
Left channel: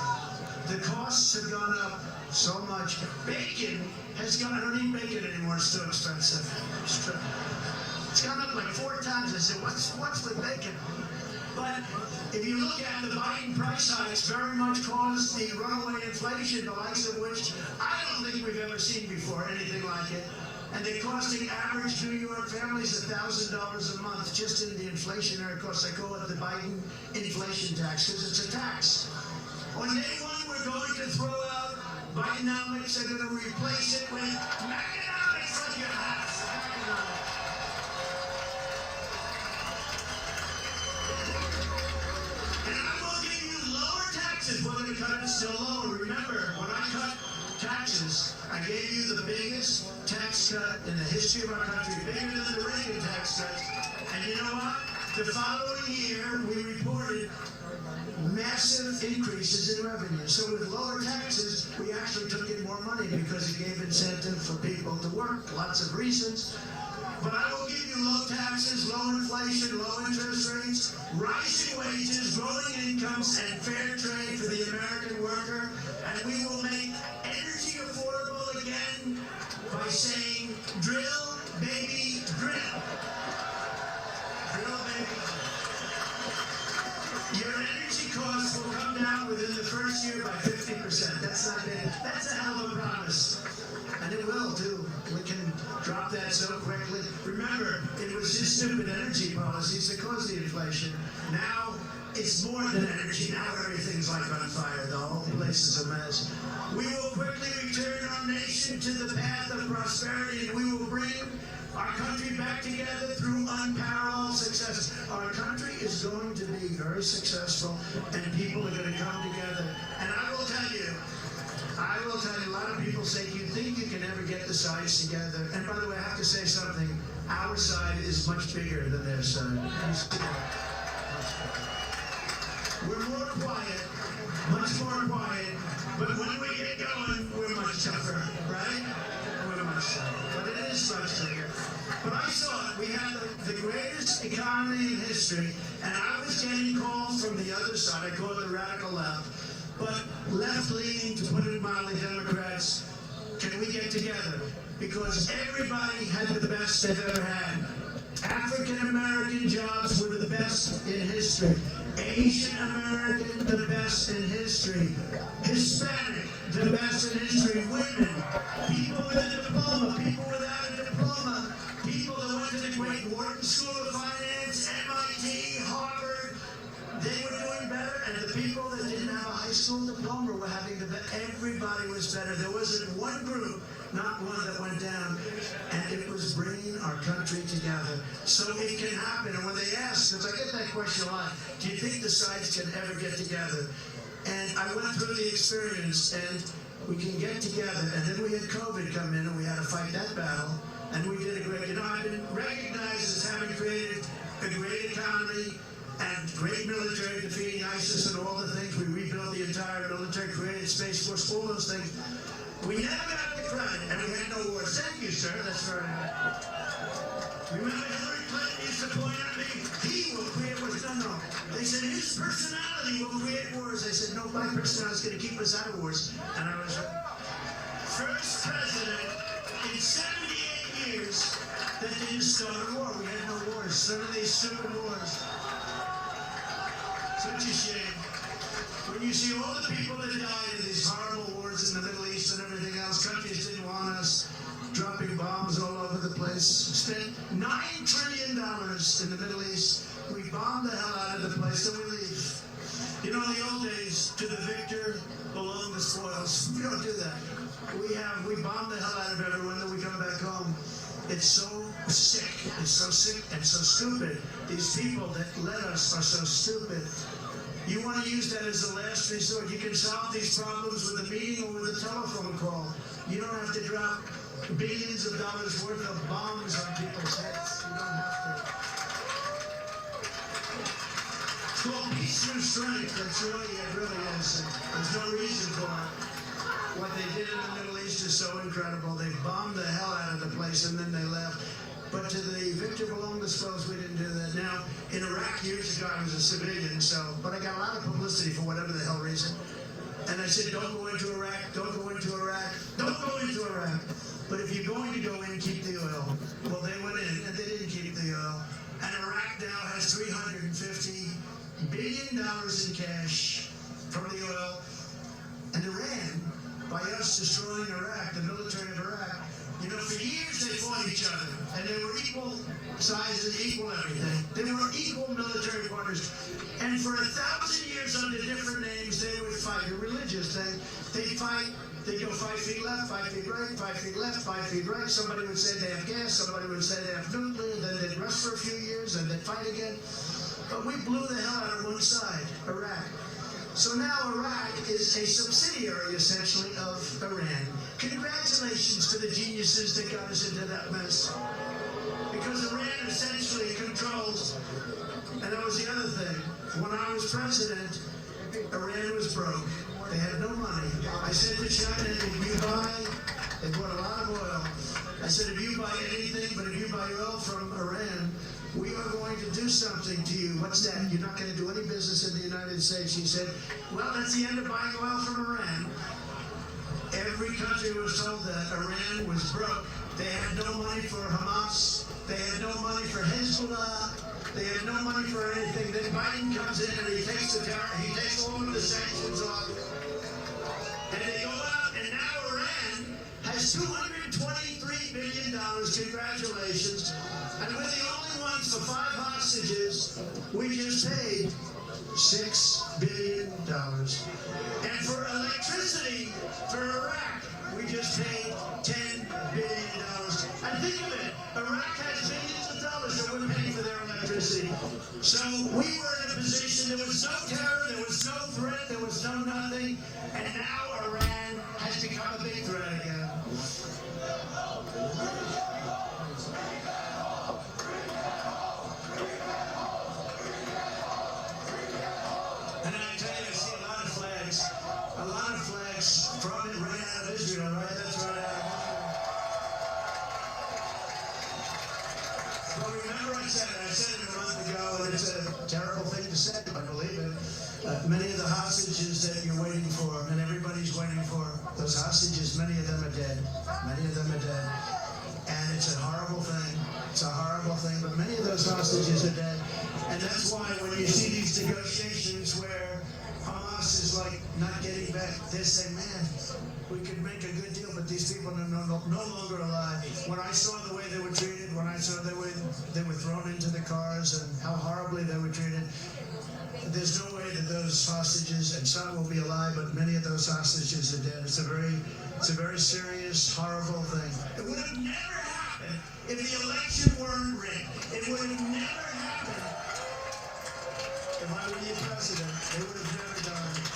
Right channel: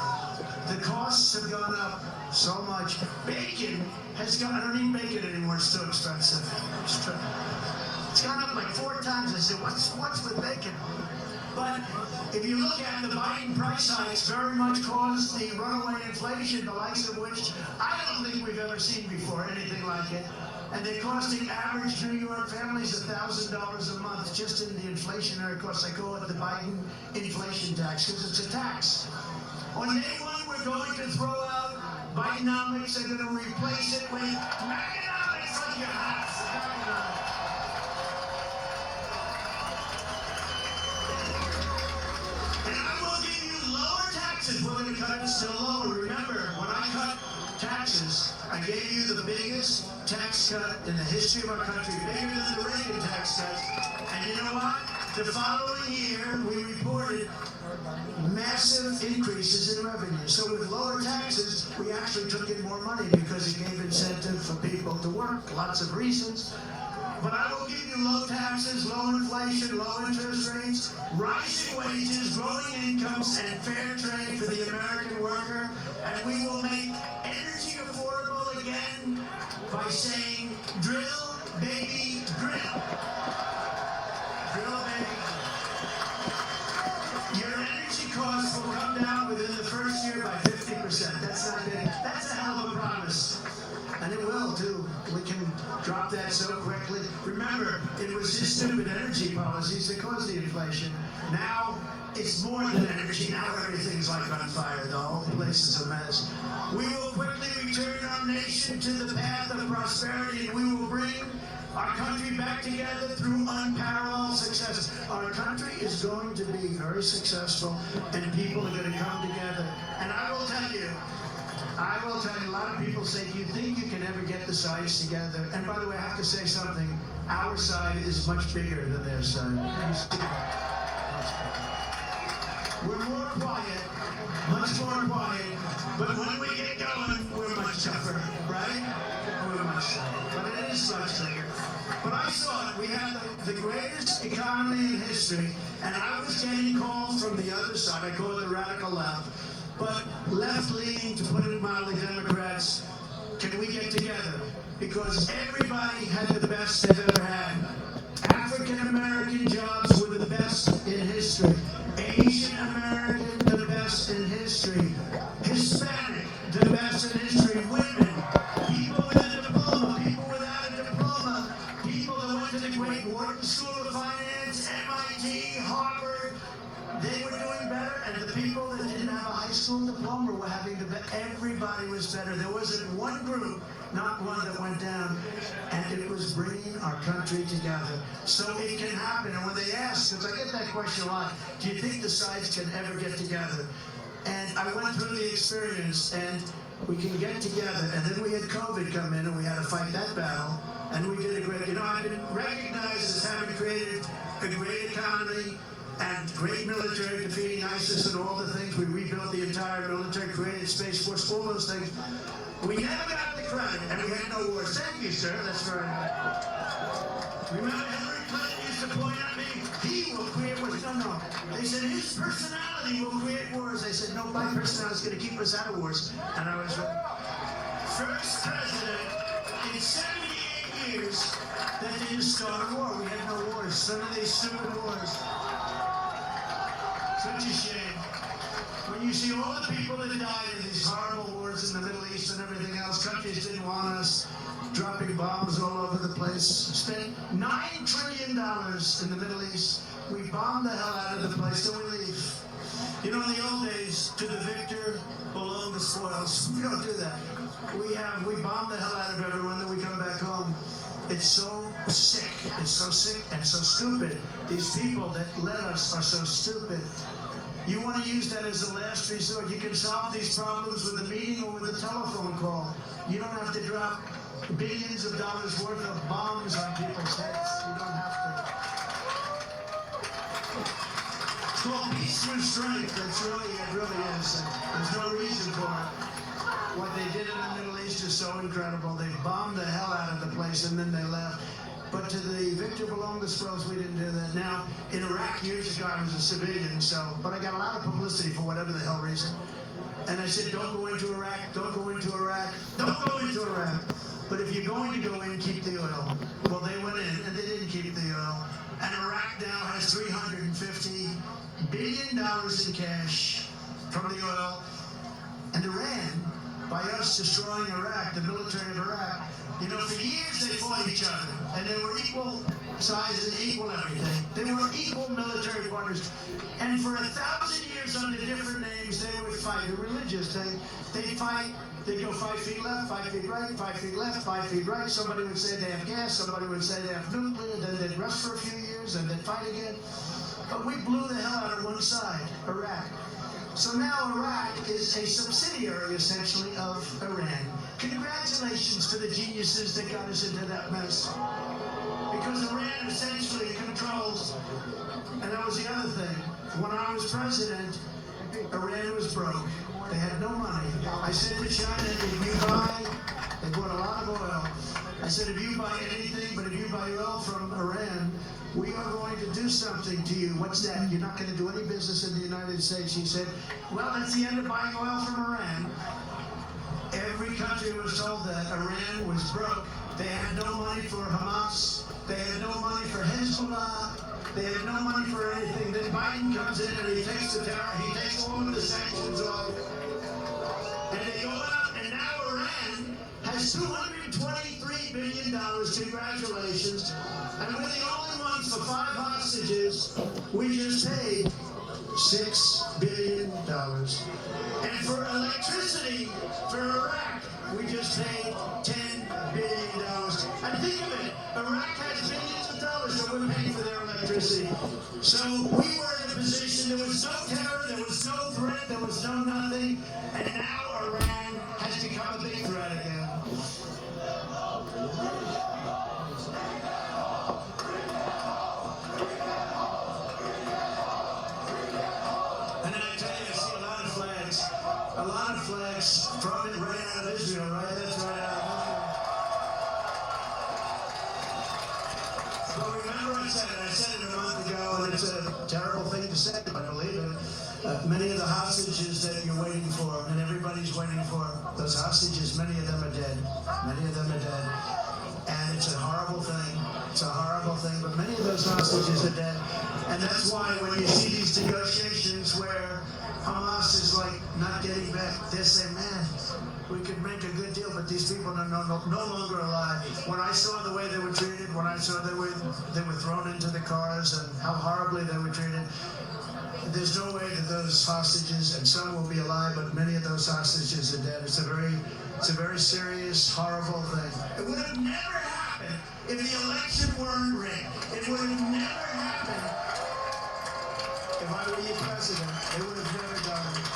the costs have gone up so much. Bacon has gone, I don't eat bacon anymore, it's so expensive. It's gone up like 4 times. I said, what's with bacon? But if you look at the Biden price hikes, very much caused the runaway inflation, the likes of which I don't think we've ever seen before, anything like it. And they cost the average New York families $1,000 a month just in the inflationary costs. I call it the Biden inflation tax because it's a tax. On day one, we're going to throw out Bidenomics. They're going to replace it with Meganomics like your house. And I will give you lower taxes. We're going to cut it still lower. Remember, when I cut taxes, I gave you the biggest tax cut in the history of our country, bigger than the Reagan tax cut. And you know what? The following year, we reported massive increases in revenue. So with lower taxes, we actually took in more money because it gave incentive for people to work, lots of reasons. But I will give you low taxes, low inflation, low interest rates, rising wages, growing incomes, and fair trade for the American worker. And we will make energy affordable again by saying, drill, baby, drill. Drill, baby. Your energy costs will come down within the first year by 50%. That's not big. That's a hell of a promise. And it will, too. We can drop that so quickly. Remember, it was his stupid energy policies that caused the inflation. Now it's more than energy. Now everything's like on fire. The whole place is a mess. We will quickly return our nation to the path of prosperity, and we will bring our country back together through unparalleled success. Our country is going to be very successful, and people are going to come together. And I will tell you, a lot of people say, do you think you can ever get the sides together? And by the way, I have to say something. Our side is much bigger than their side. We're more quiet, much more quiet, but when we get going, we're much tougher, right? We're much tougher, but it is much tougher. But I saw it. We had the greatest economy in history, and I was getting calls from the other side. I call it the radical left, but left-leaning, to put it mildly, Democrats. Can we get together? Because everybody had the best they've ever had. African-American jobs were the best in history. Asian American, the best in history. Hispanic, the best in history. Women, people with a diploma, people without a diploma, people that went to the great Wharton School of Finance, MIT, Harvard, they were doing better, and the people that didn't have a high school diploma were having the best. Everybody was better. There wasn't one group, not one, that went down, and it was bringing our country together. So it can happen. And when they ask, because I get that question a lot, do you think the sides can ever get together? And I went through the experience, and we can get together. And then we had COVID come in, and we had to fight that battle, and we did a great, I've been recognized as having created a great economy and great military, defeating ISIS and all the things. We rebuilt the entire military, created Space Force, all those things. We never got the credit, and we had no wars. Thank you, sir. That's very nice. Remember Hillary Clinton used to point at me, he will create wars. No. They said his personality will create wars. I said, no, my personality is going to keep us out of wars. And I was first president in 78 years that didn't start a war. We had no wars. None of these stupid wars. Such a shame. When you see all the people that died in these horrible wars in the Middle East and everything else, countries didn't want us, dropping bombs all over the place. Spent $9 trillion in the Middle East. We bombed the hell out of the place, then we leave. In the old days, to the victor belong the spoils. We don't do that. We bomb the hell out of everyone, then we come back home. It's so sick. It's so sick and so stupid. These people that led us are so stupid. You want to use that as a last resort. You can solve these problems with a meeting or with a telephone call. You don't have to drop billions of dollars worth of bombs on people's heads. You don't have to. It's called peace through strength. It really is. There's no reason for it. What they did in the Middle East is so incredible. They bombed the hell out of the place and then they left. But to the victor belong the spoils, we didn't do that. Now, in Iraq years ago, I was a civilian, but I got a lot of publicity for whatever the hell reason. And I said, don't go into Iraq, don't go into Iraq, don't go into Iraq. But if you're going to go in, keep the oil. Well, they went in and they didn't keep the oil. And Iraq now has $350 billion in cash from the oil. And Iran, by us destroying Iraq, the military of Iraq, for years they fought each other, and they were equal sizes, equal everything. They were equal military partners. And for 1,000 years under different names, they would fight. They're religious. They'd fight. They'd go 5 feet left, 5 feet right, 5 feet left, 5 feet right. Somebody would say they have gas, somebody would say they have nuclear, then they'd rest for a few years, and they'd fight again. But we blew the hell out of one side, Iraq. So now Iraq is a subsidiary, essentially, of Iran. Congratulations to the geniuses that got us into that mess. Because Iran essentially controls, and that was the other thing. When I was president, Iran was broke. They had no money. I said to China, if you buy, they bought a lot of oil. I said, if you buy anything, but if you buy oil from Iran, we are going to do something to you. What's that? You're not going to do any business in the United States. He said, well, that's the end of buying oil from Iran. Every country was told that Iran was broke. They had no money for Hamas. They had no money for Hezbollah. They had no money for anything. Then Biden comes in and he takes all of the sanctions off. And they go out, and now Iran has $223 billion. Congratulations. And we're the only one month for 5 hostages, we just paid $6 billion. And for electricity for Iraq, we just paid $10 billion. And think of it, Iraq has billions of dollars that we're paying for their electricity. So we were in a position, there was no terror, there was no threat, there was no nothing, and now Iran has become a big threat again. And then I tell you, I see a lot of flags from it right out of Israel, right? That's right out of Israel. But remember I said it a month ago, and it's a terrible thing to say, but I believe it. Many of the hostages that you're waiting for, and everybody's waiting for, those hostages, many of them are dead. Many of them are dead. And it's a horrible thing. It's a horrible thing, but many of those hostages are dead. And that's why when you see these negotiations where Hamas is like not getting back, they're saying, man, we could make a good deal, but these people are no longer alive. When I saw the way they were treated, when I saw they were thrown into the cars and how horribly they were treated, there's no way that those hostages, and some will be alive, but many of those hostages are dead. It's a very serious, horrible thing. It would have never happened if the election weren't rigged. It would have never happened if I were your president. It would have never done it.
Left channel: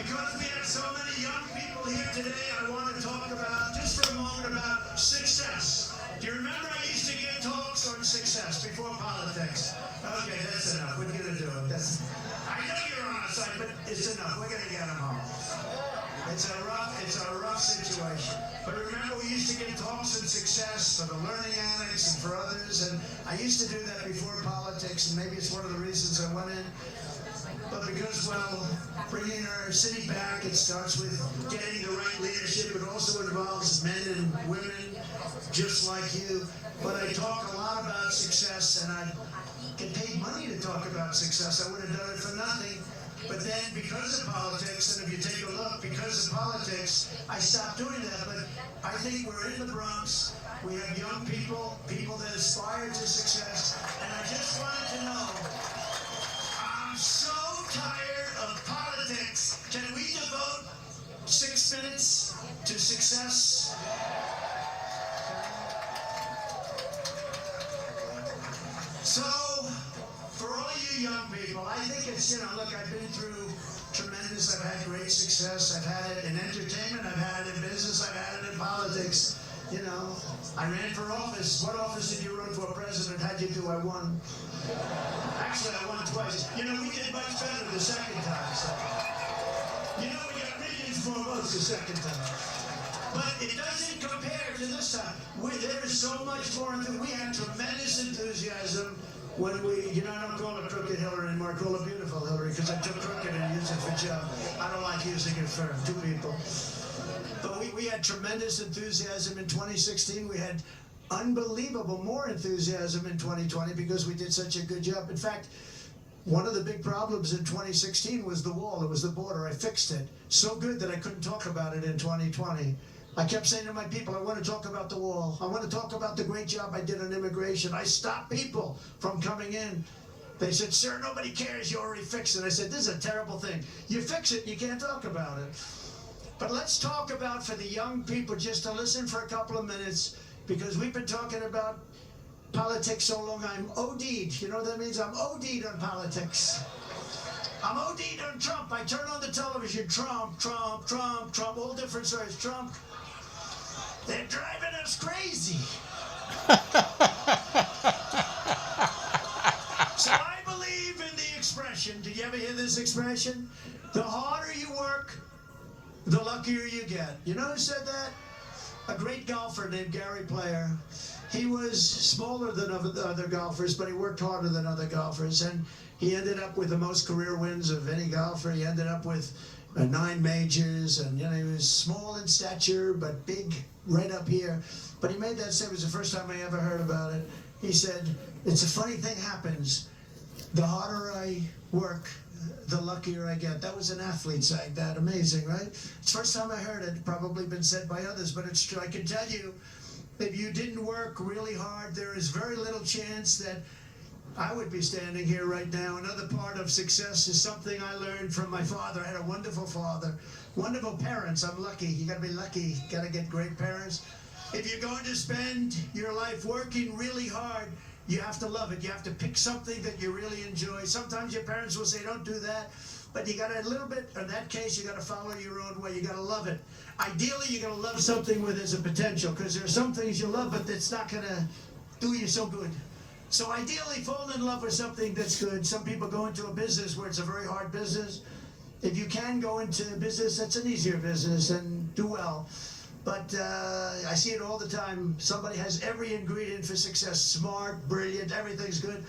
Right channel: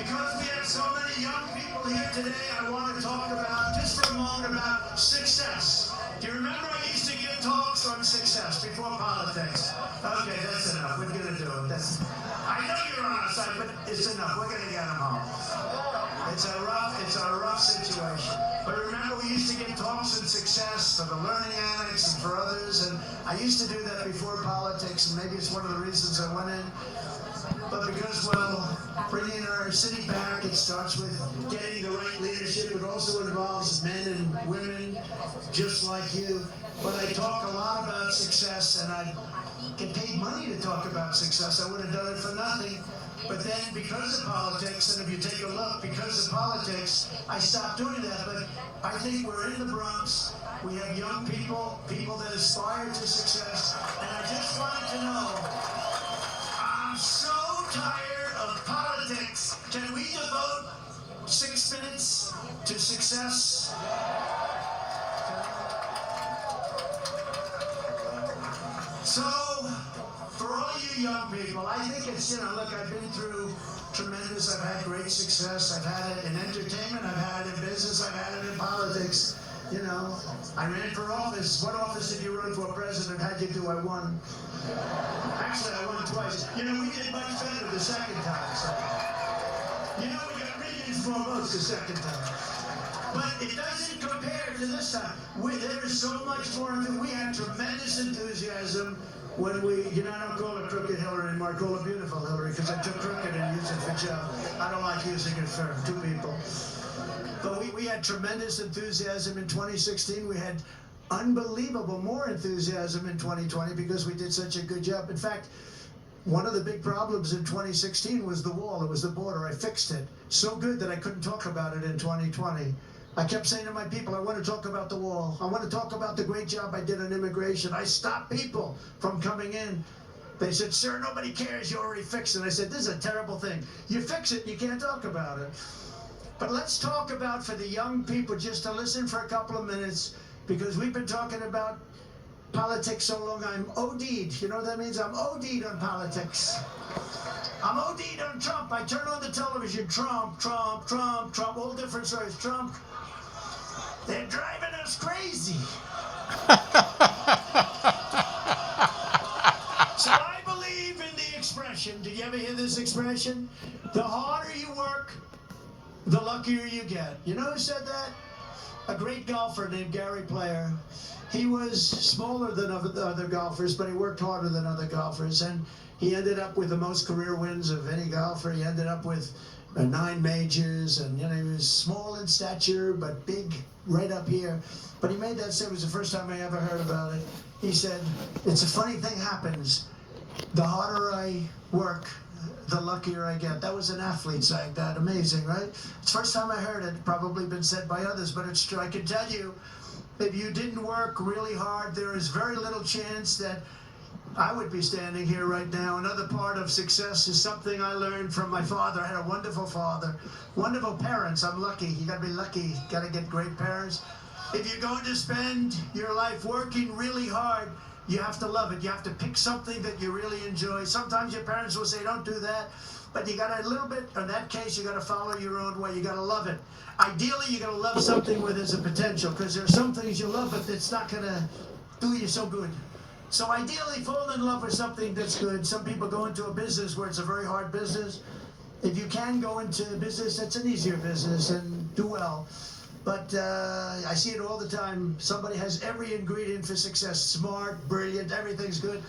Because we have so many young people here today, I want to talk about, just for a moment, about success. Do you remember I used to give talks on success before politics? Okay, that's enough. We're going to do it. I know you're on our side, but it's enough. We're going to get them home. It's a rough situation. But remember, we used to give talks on success for the learning addicts and for others, and I used to do that before politics, and maybe it's one of the reasons I went in. But because, well, bringing our city back, it starts with getting the right leadership. It also involves men and women just like you. But I talk a lot about success, and I get paid money to talk about success. I would have done it for nothing. But then, because of politics, and if you take a look, because of politics, I stopped doing that. But I think we're in the Bronx. We have young people that aspire to success. And I just wanted to know, I'm so tired of politics. Can we devote 6 minutes to success? So, for all you young people, I think it's, look, I've been through tremendous, I've had great success, I've had it in entertainment, I've had it in business, I've had it in politics. I ran for office. What office did you run for president? How'd you do? I won. Actually, I won twice. We did much better the second time. So. We got millions more votes the second time. But it doesn't compare to this time. There is so much more. We had tremendous enthusiasm when we, I don't call it crooked Hillary anymore. I call it beautiful Hillary because I took crooked and used it for Joe. I don't like using it for 2 people. But we had tremendous enthusiasm in 2016. We had unbelievable more enthusiasm in 2020 because we did such a good job. In fact, one of the big problems in 2016 was the wall. It was the border. I fixed it so good that I couldn't talk about it in 2020. I kept saying to my people, I want to talk about the wall. I want to talk about the great job I did on immigration. I stopped people from coming in. They said, sir, nobody cares. You already fixed it. I said, this is a terrible thing. You fix it, you can't talk about it. But let's talk about, for the young people, just to listen for a couple of minutes, because we've been talking about politics so long, I'm OD'd. You know what that means? I'm OD'd on politics. I'm OD'd on Trump. I turn on the television, Trump, Trump, Trump, Trump, all different stories, Trump. They're driving us crazy. So I believe in the expression. Did you ever hear this expression? The harder you work, the luckier you get. You know who said that? A great golfer named Gary Player. He was smaller than other golfers, but he worked harder than other golfers. And he ended up with the most career wins of any golfer. He ended up with 9 majors, and he was small in stature, but big right up here. But he made that say, it was the first time I ever heard about it. He said, it's a funny thing happens. The harder I work, the luckier I get. That was an athlete saying that. Amazing, right? It's the first time I heard it. Probably been said by others, but it's true. I can tell you, if you didn't work really hard, there is very little chance that I would be standing here right now. Another part of success is something I learned from my father. I had a wonderful father, wonderful parents. I'm lucky. You gotta be lucky. You gotta get great parents. If you're going to spend your life working really hard, you have to love it. You have to pick something that you really enjoy. Sometimes your parents will say, don't do that. But you got a little bit, in that case, you got to follow your own way. You got to love it. Ideally, you got to love something where there's a potential, because there are some things you love, but it's not going to do you so good. So ideally, fall in love with something that's good. Some people go into a business where it's a very hard business. If you can go into a business that's an easier business and do well. But I see it all the time. Somebody has every ingredient for success, smart, brilliant, everything's good.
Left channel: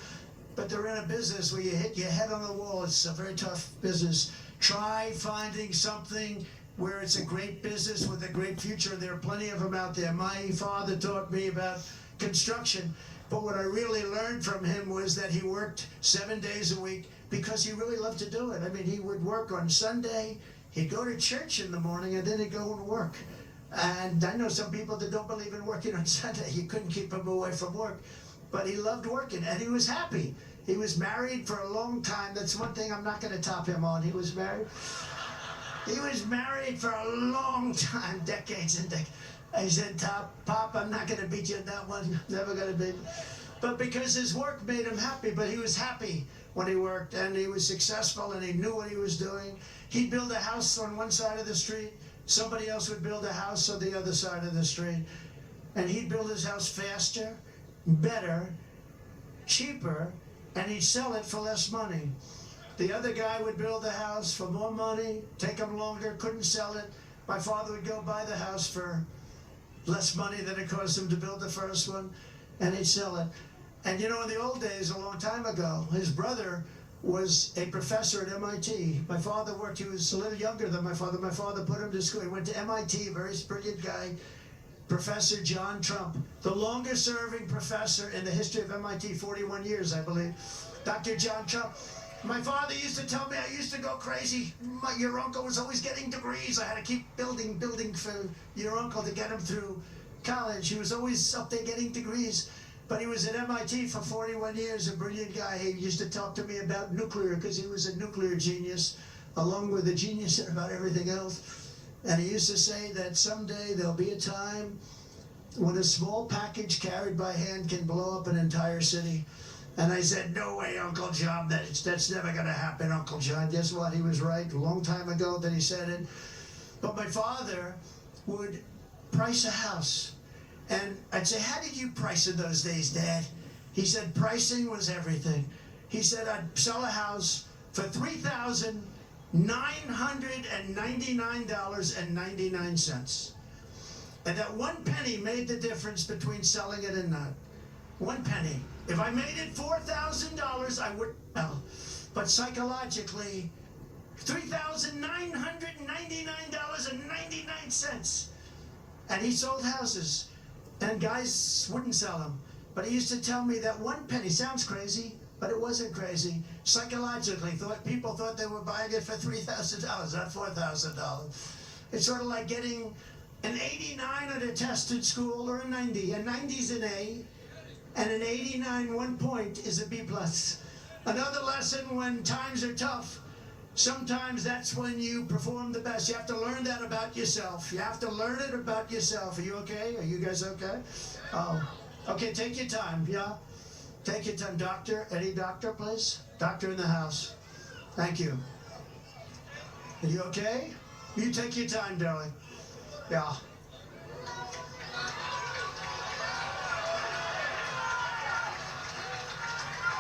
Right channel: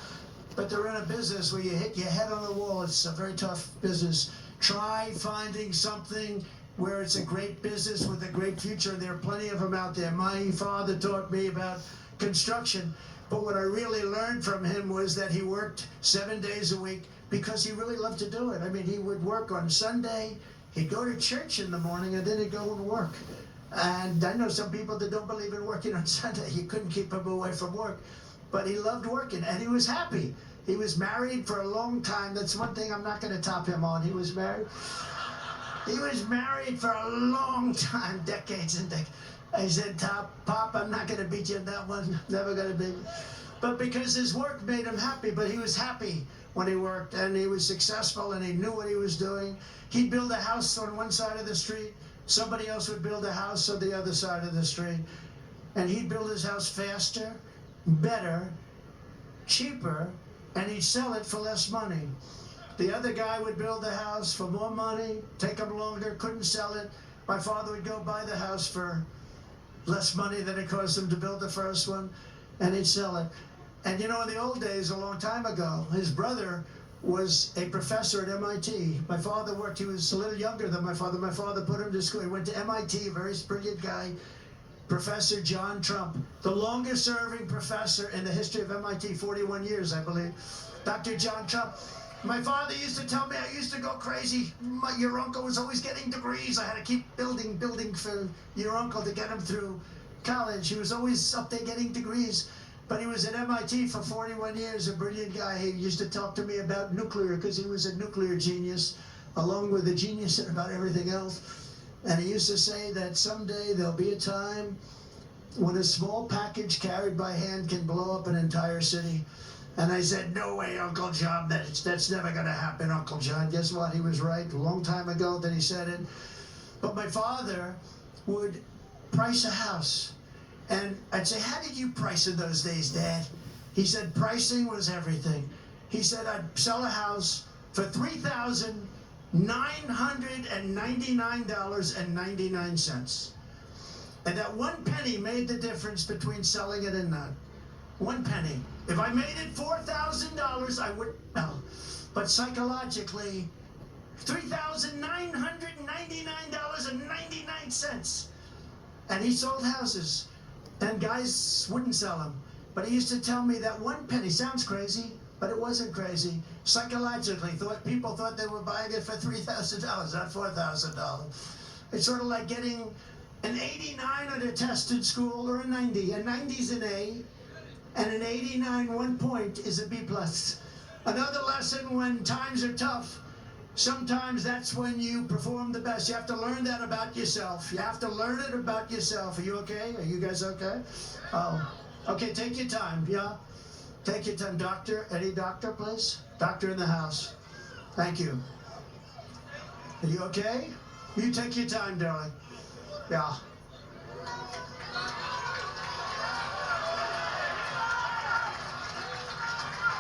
But they're in a business where you hit your head on the wall. It's a very tough business. Try finding something where it's a great business with a great future. There are plenty of them out there. My father taught me about construction. But what I really learned from him was that he worked 7 days a week because he really loved to do it. I mean, he would work on Sunday. He'd go to church in the morning, and then he'd go and work. And I know some people that don't believe in working on Sunday. You couldn't keep him away from work. But he loved working, and he was happy. He was married for a long time. That's one thing I'm not going to top him on. He was married. He was married for a long time, decades and decades. I said, Pop, I'm not going to beat you in that one. Never going to beat you. But because his work made him happy, but he was happy when he worked, and he was successful, and he knew what he was doing. He'd build a house on one side of the street. Somebody else would build a house on the other side of the street. And he'd build his house faster, better, cheaper, and he'd sell it for less money. The other guy would build the house for more money, take him longer, couldn't sell it. My father would go buy the house for less money than it cost him to build the first one, and he'd sell it. And you know, in the old days, a long time ago, his brother was a professor at MIT. My father worked, he was a little younger than my father. My father put him to school. He went to MIT, a very brilliant guy, Professor John Trump, the longest serving professor in the history of MIT, 41 years, I believe. Dr. John Trump. My father used to tell me I used to go crazy. Your uncle was always getting degrees. I had to keep building for your uncle to get him through college. He was always up there getting degrees. But he was at MIT for 41 years, a brilliant guy. He used to talk to me about nuclear because he was a nuclear genius, along with a genius about everything else. And he used to say that someday there'll be a time when a small package carried by hand can blow up an entire city. And I said, no way, Uncle John, that's never going to happen, Uncle John. Guess what? He was right a long time ago that he said it. But my father would price a house. And I'd say, how did you price in those days, Dad? He said, pricing was everything. He said, I'd sell a house for $3,999.99. And that 1 penny made the difference between selling it and not. 1 penny. If I made it $4,000, I would sell. But psychologically, $3,999.99. And he sold houses. And guys wouldn't sell them. But he used to tell me that 1 penny, sounds crazy, but it wasn't crazy. Psychologically, people thought they were buying it for $3,000, not $4,000. It's sort of like getting an 89 on a test in school or a 90. A 90's an A, and an 89, 1 point, is a B+. Another lesson, when times are tough, sometimes that's when you perform the best. You have to learn that about yourself. You have to learn it about yourself. Are you okay? Are you guys okay? Oh, okay, take your time, yeah? Take your time. Doctor, any doctor, please? Doctor in the house. Thank you. Are you okay? You take your time, darling. Yeah.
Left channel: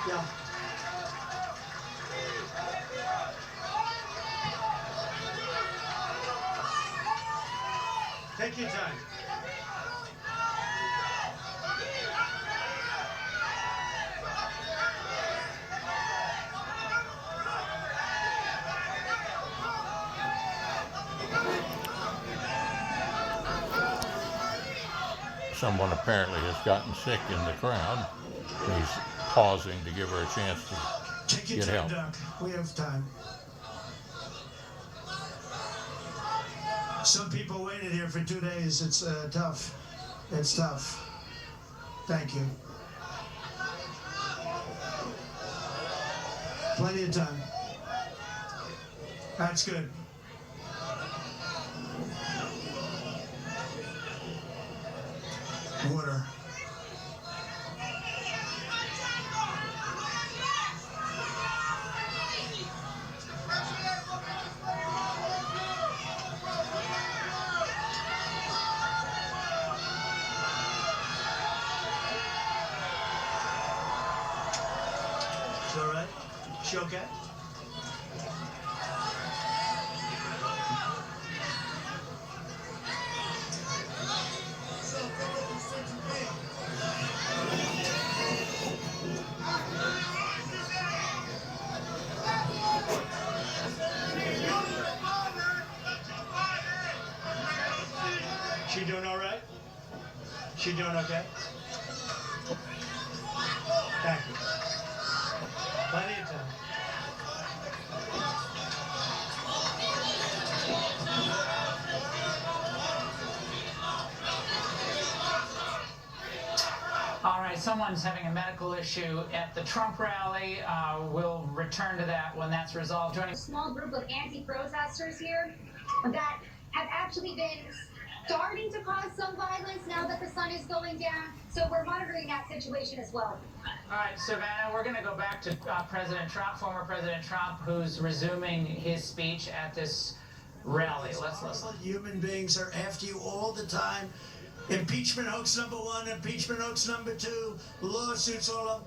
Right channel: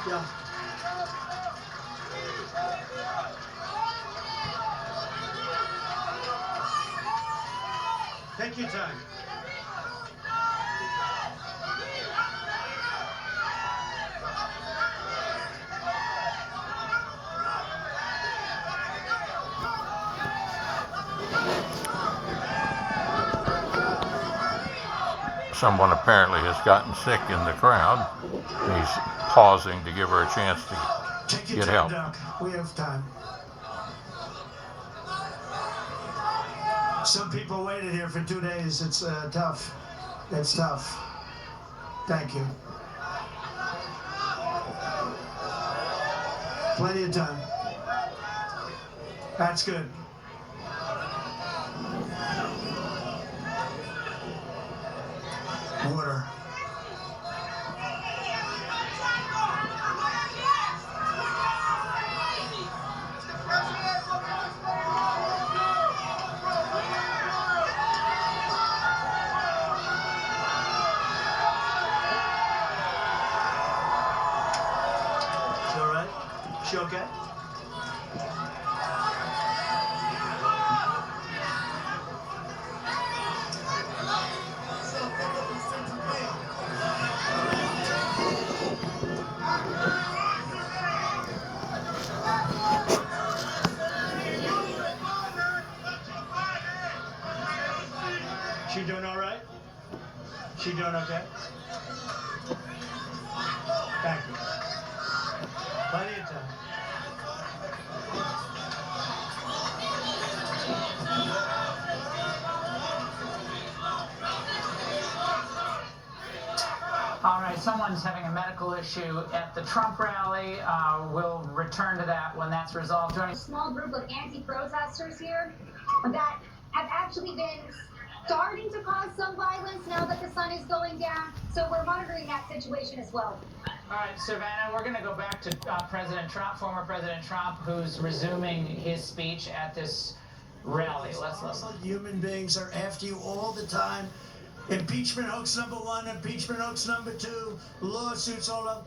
Yeah. Take your time. Someone apparently has gotten sick in the crowd. He's pausing to give her a chance to get help. Doc. We have time. Some people waited here for 2 days. It's tough. It's tough. Thank you. Plenty of time. That's good. Water. She all right? She okay? She doing all right? She doing okay? Thank you. Plenty of time. All right, someone's having a medical issue at the Trump rally. We'll return to that when that's resolved. Joining A small group of anti-protesters here that have actually been starting to cause some violence now that the sun is going down. So we're monitoring that situation as well. All right, Savannah, we're going to go back to President Trump, former President Trump, who's resuming his speech at this rally. Let's listen. Human beings are after you all the time. Impeachment hoax number 1, impeachment hoax number 2, lawsuits all over.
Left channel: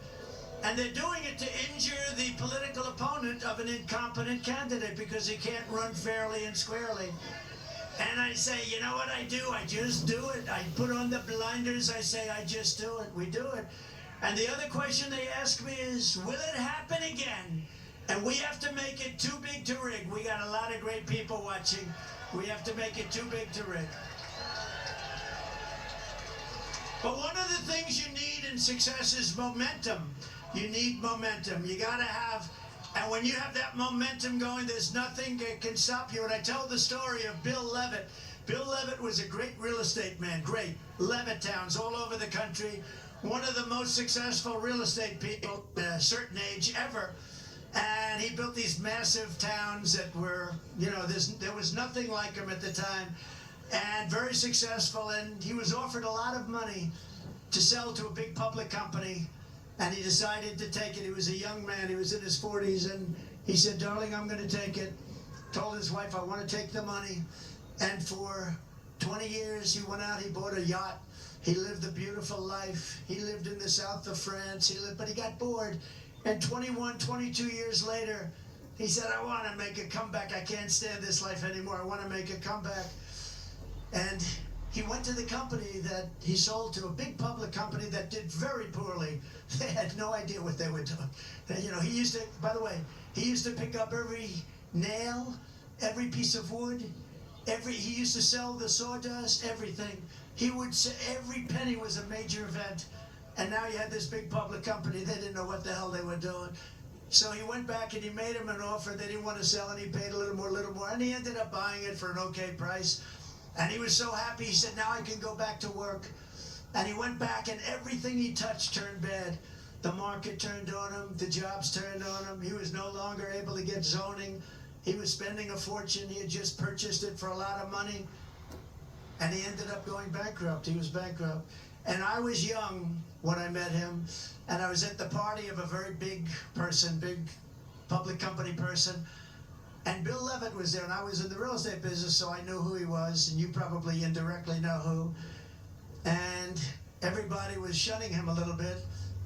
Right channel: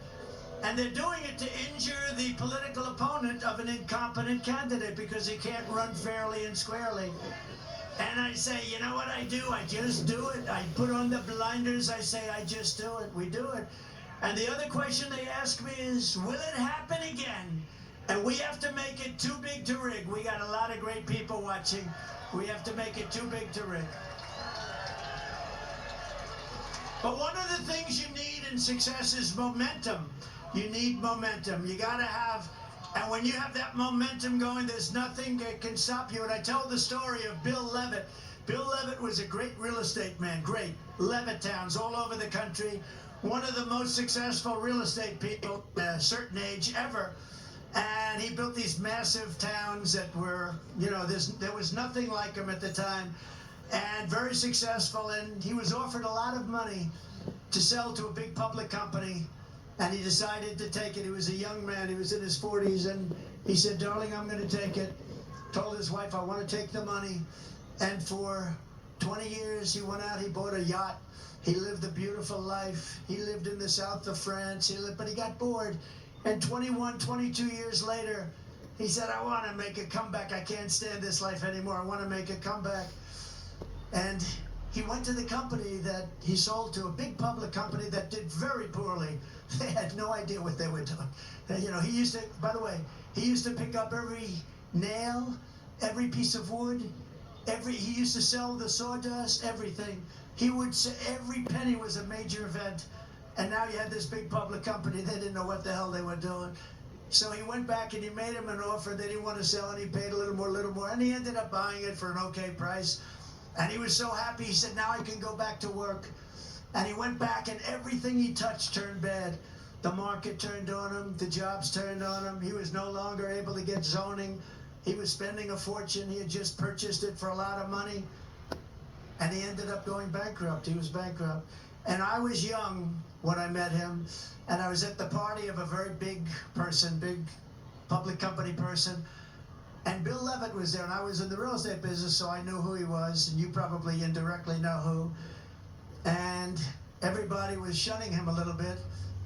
And they're doing it to injure the political opponent of an incompetent candidate because he can't run fairly and squarely. And I say, you know what I do? I just do it. I put on the blinders. I say, I just do it. We do it. And the other question they ask me is, will it happen again? And we have to make it too big to rig. We got a lot of great people watching. We have to make it too big to rig. But one of the things you need in success is momentum. You need momentum. You got to have, and when you have that momentum going, there's nothing that can stop you. And I told the story of Bill Levitt. Bill Levitt was a great real estate man, great. Levitt towns all over the country. One of the most successful real estate people at a certain age ever. And he built these massive towns that were, you know, there was nothing like them at the time. And very successful, and he was offered a lot of money to sell to a big public company, and he decided to take it. He was a young man, he was in his 40s, and he said, darling, I'm going to take it. Told his wife, I want to take the money. And for 20 years, he went out, he bought a yacht, he lived a beautiful life, he lived in the south of France, but he got bored, and 21, 22 years later, he said, I want to make a comeback. I can't stand this life anymore. I want to make a comeback. And he went to the company that he sold to, a big public company that did very poorly. They had no idea what they were doing. And, you know, he used to, by the way, he used to pick up every nail, every piece of wood, he used to sell the sawdust, everything. He would say every penny was a major event. And now you had this big public company, they didn't know what the hell they were doing. So he went back and he made him an offer they didn't want to sell, and he paid a little more, and he ended up buying it for an okay price. And he was so happy, he said, now I can go back to work. And he went back, and everything he touched turned bad. The market turned on him, the jobs turned on him, he was no longer able to get zoning. He was spending a fortune, he had just purchased it for a lot of money. And he ended up going bankrupt, he was bankrupt. And I was young when I met him, and I was at the party of a very big person, big public company person. And Bill Levitt was there, and I was in the real estate business, so I knew who he was, and you probably indirectly know who. And everybody was shunning him a little bit.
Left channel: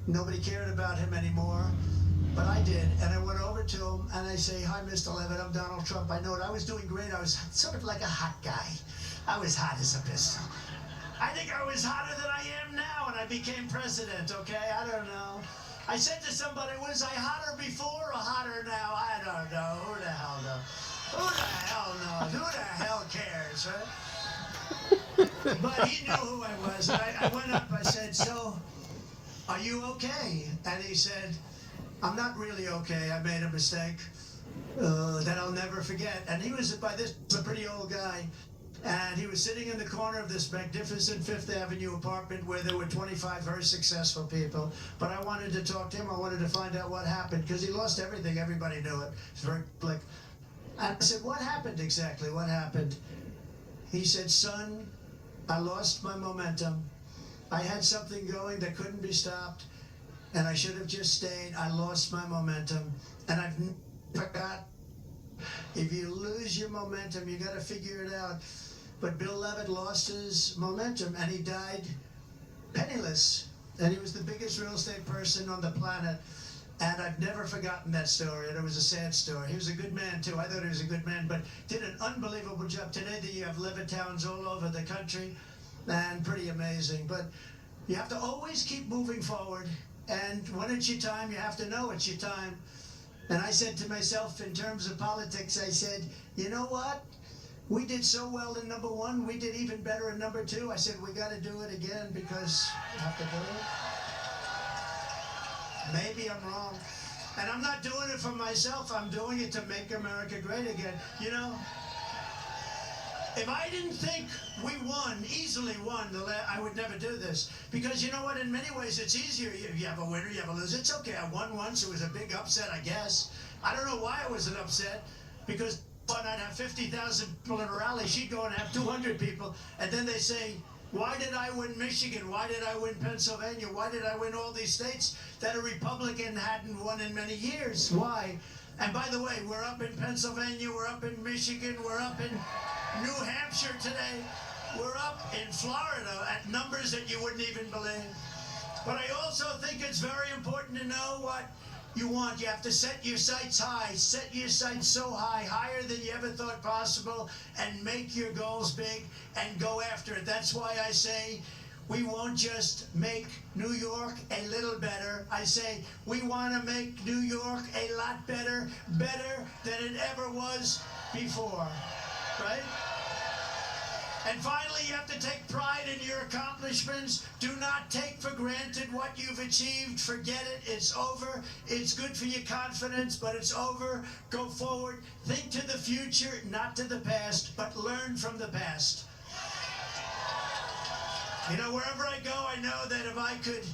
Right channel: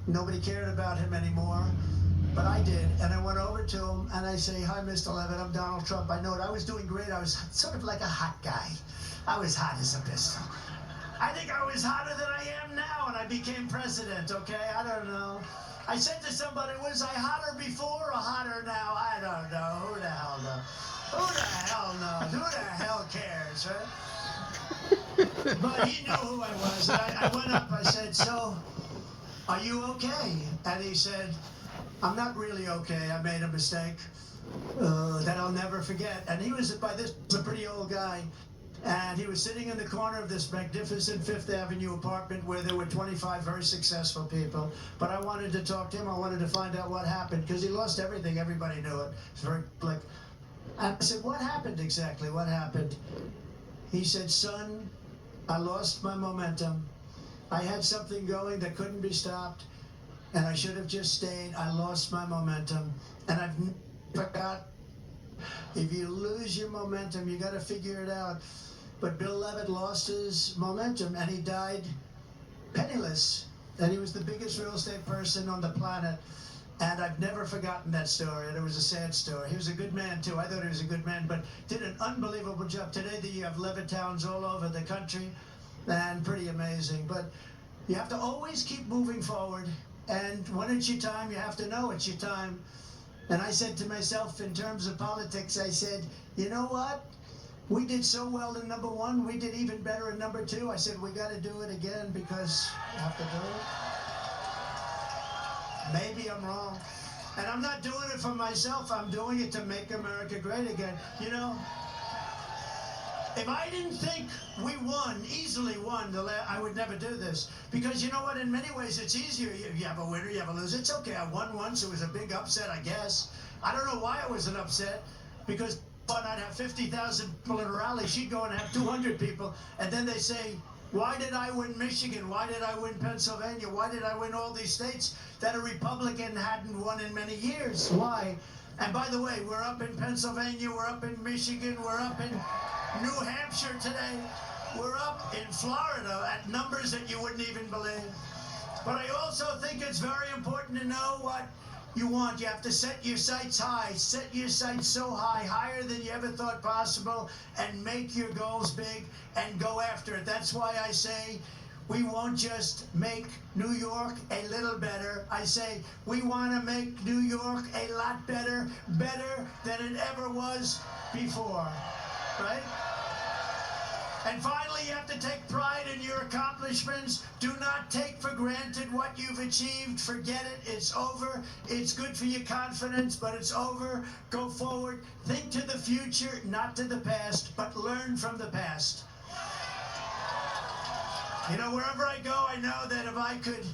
Nobody cared about him anymore, but I did. And I went over to him, and I say, hi, Mr. Levitt, I'm Donald Trump. I know it. I was doing great. I was sort of like a hot guy. I was hot as a pistol. I think I was hotter than I am now, and I became president, okay? I don't know. I said to somebody, was I hotter before or hotter now? I don't know. Who the hell knows? Who the hell knows? Who the hell cares, right? But he knew who I was. And I went up, I said, so, are you okay? And he said, I'm not really okay. I made a mistake that I'll never forget. And he was, by this, a pretty old guy. And he was sitting in the corner of this magnificent Fifth Avenue apartment where there were 25 very successful people. But I wanted to talk to him. I wanted to find out what happened because he lost everything. Everybody knew it. It's very public. And I said, what happened exactly? What happened? He said, son, I lost my momentum. I had something going that couldn't be stopped, and I should have just stayed. I lost my momentum, and I've never got. If you lose your momentum, you got to figure it out. But Bill Levitt lost his momentum, and he died penniless. And he was the biggest real estate person on the planet. And I've never forgotten that story. And it was a sad story. He was a good man, too. I thought he was a good man, but did an unbelievable job. Today, you have Levitt towns all over the country, and pretty amazing. But you have to always keep moving forward. And when it's your time, you have to know it's your time. And I said to myself, in terms of politics, I said, you know what? We did so well in number one. We did even better in number two. I said, we got to do it again because we have to do it. Maybe I'm wrong. And I'm not doing it for myself. I'm doing it to make America great again. You know, if I didn't think we won, easily won, I would never do this. Because you know what, in many ways it's easier. You have a winner, you have a loser. It's okay, I won once, it was a big upset, I guess. I don't know why it was an upset, because I'd have 50,000 people in a rally, she'd go and have 200 people, and then they say, why did I win Michigan? Why did I win Pennsylvania? Why did I win all these states that a Republican hadn't won in many years? Why? And by the way, we're up in Pennsylvania, we're up in Michigan, we're up in New Hampshire today. We're up in Florida at numbers that you wouldn't even believe. But I also think it's very important to know what you want. You have to set your sights high. Set your sights so high, higher than you ever thought possible, and make your goals big and go after it. That's why I say we won't just make New York a little better. I say we want to make New York a lot better, better than it ever was before. Right? And finally, you have to take pride in your accomplishments. Do not take for granted what you've achieved. Forget it. It's over. It's good for your confidence, but it's over. Go forward. Think to the future, not to the past, but learn from the past. You know, wherever I go, I know that if I could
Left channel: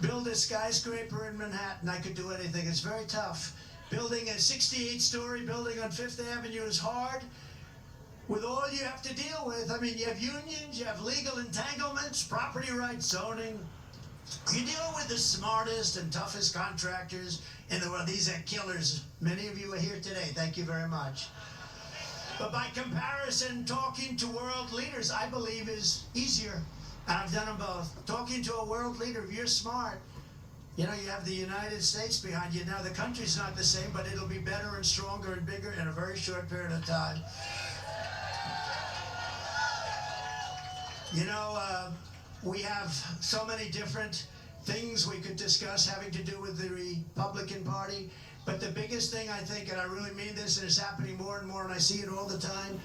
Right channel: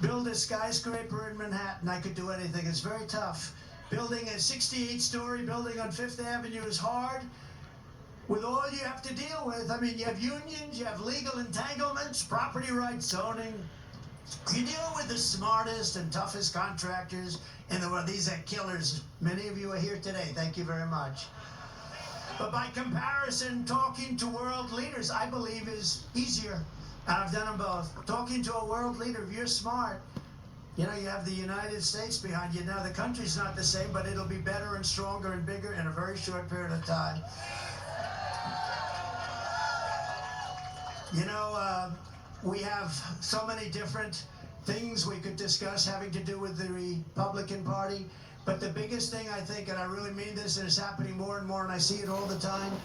build a skyscraper in Manhattan, I could do anything. It's very tough. Building a 68-story building on Fifth Avenue is hard. With all you have to deal with, I mean, you have unions, you have legal entanglements, property rights, zoning. You deal with the smartest and toughest contractors in the world. These are killers. Many of you are here today. Thank you very much. But by comparison, talking to world leaders, I believe, is easier. And I've done them both. Talking to a world leader, if you're smart, you know, you have the United States behind you. Now, the country's not the same, but it'll be better and stronger and bigger in a very short period of time. You know, we have so many different things we could discuss having to do with the Republican Party. But the biggest thing, I think, and I really mean this, and it's happening more and more, and I see it all the time,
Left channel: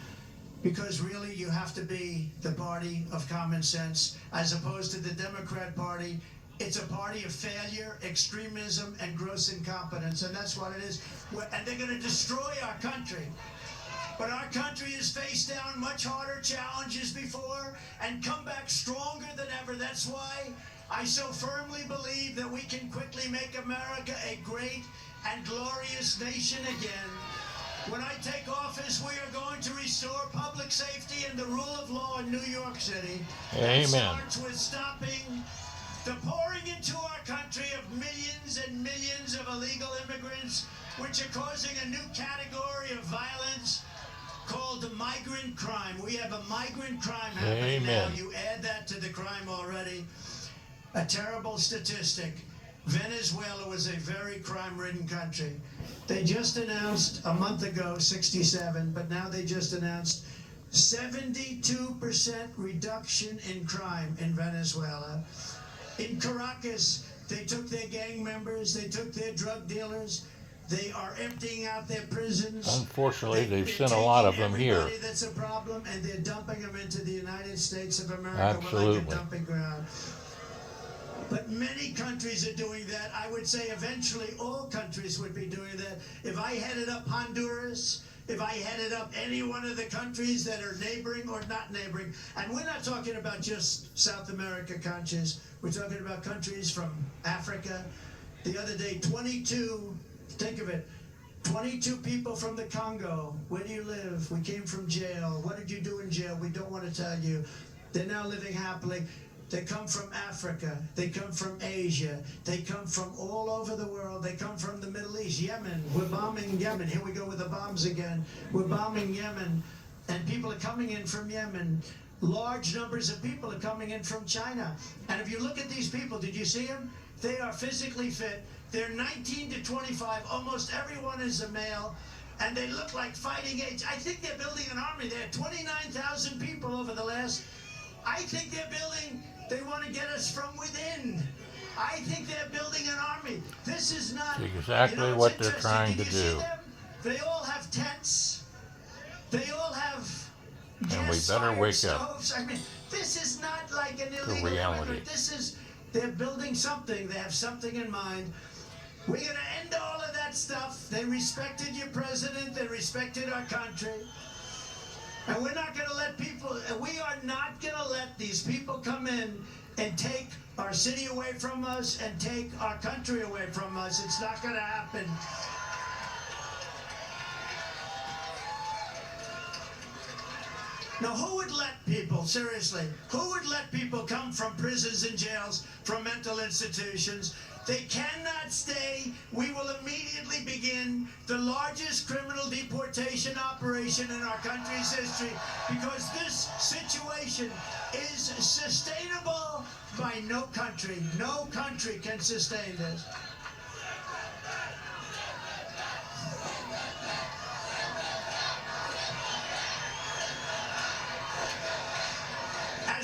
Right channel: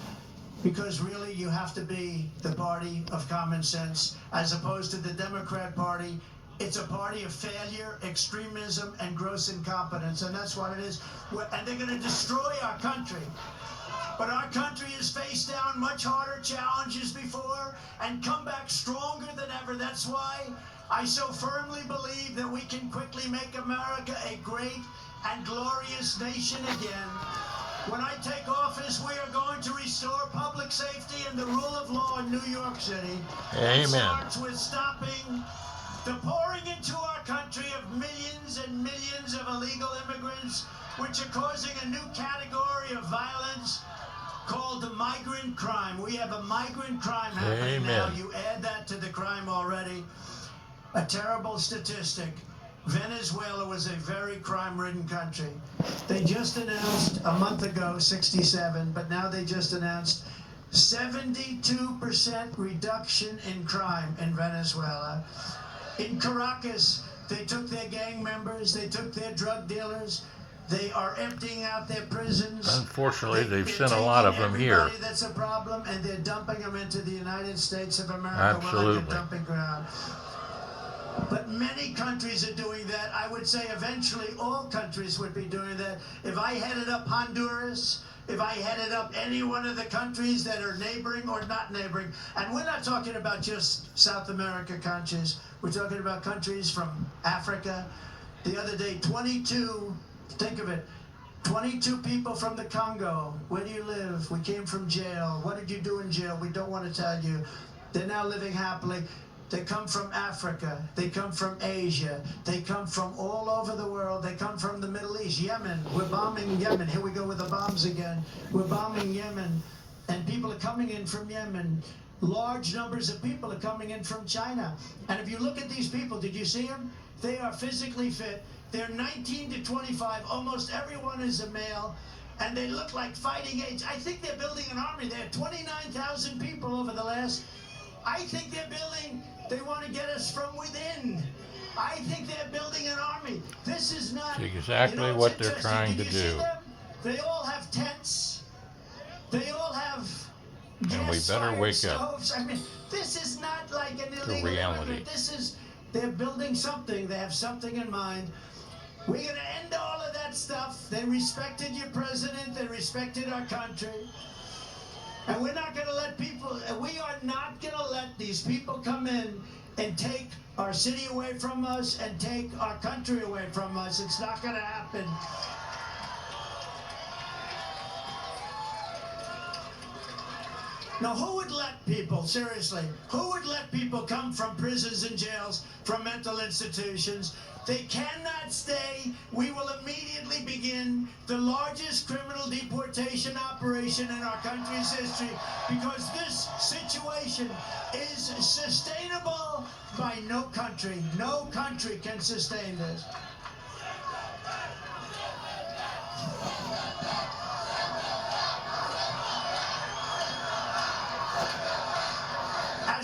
because really you have to be the party of common sense, as opposed to the Democrat Party. It's a party of failure, extremism, and gross incompetence, and that's what it is. And they're going to destroy our country. But our country has faced down much harder challenges before and come back stronger than ever. That's why I so firmly believe that we can quickly make America a great and glorious nation again. When I take office, we are going to restore public safety and the rule of law in New York City. Amen. It starts with stopping the pouring into our country of millions and millions of illegal immigrants, which are causing a new category of violence called the migrant crime. We have a migrant crime happening now. You add that to the crime already. A terrible statistic. Venezuela was a very crime-ridden country. They just announced a month ago 67, but now they just announced 72% reduction in crime in Venezuela. In Caracas, they took their gang members, they took their drug dealers, they are emptying out their prisons. Unfortunately, they've sent a lot of them here. That's a problem, and they're dumping them into the United States of America. Absolutely. Like a dumping ground. But many countries are doing that. I would say eventually all countries would be doing that. If I headed up Honduras, if I headed up any one of the countries that are neighboring or not neighboring. And we're not talking about just South America countries. We're talking about countries from Africa. The other day, 22, think of it, 22 people from the Congo. Where do you live? We came from jail. What did you do in jail? We don't want to tell you. They're now living happily. They come from Africa. They come from Asia. They come from all over the world. They come from the Middle East. Yemen. We're bombing Yemen. Here we go with the bombs again. We're bombing Yemen. And people are coming in from Yemen. Large numbers of people are coming in from China. And if you look at these people, did you see them? They are physically fit. They're 19 to 25. Almost everyone is a male. And they look like fighting age. I think they're building an army. They had 29,000 people over the last. I think they're building, they want to get us from within. I think they're building an army. This is not exactly what they're trying to do. They all have tents. They all have and we better wake up I mean, this is not like an illegal to reality. immigrant. This is, they're building something. They have something in mind. We're going to end all of that stuff. They respected your president. They respected our country. And we're not going to let people, we are not going to let these people come in and take our city away from us and take our country away from us. It's not going to happen. Now, who would let people, seriously, who would let people come from prisons and jails, from mental institutions? They cannot stay. We will immediately begin the largest criminal deportation operation in our country's history because this situation is sustainable by no country. No country can sustain this.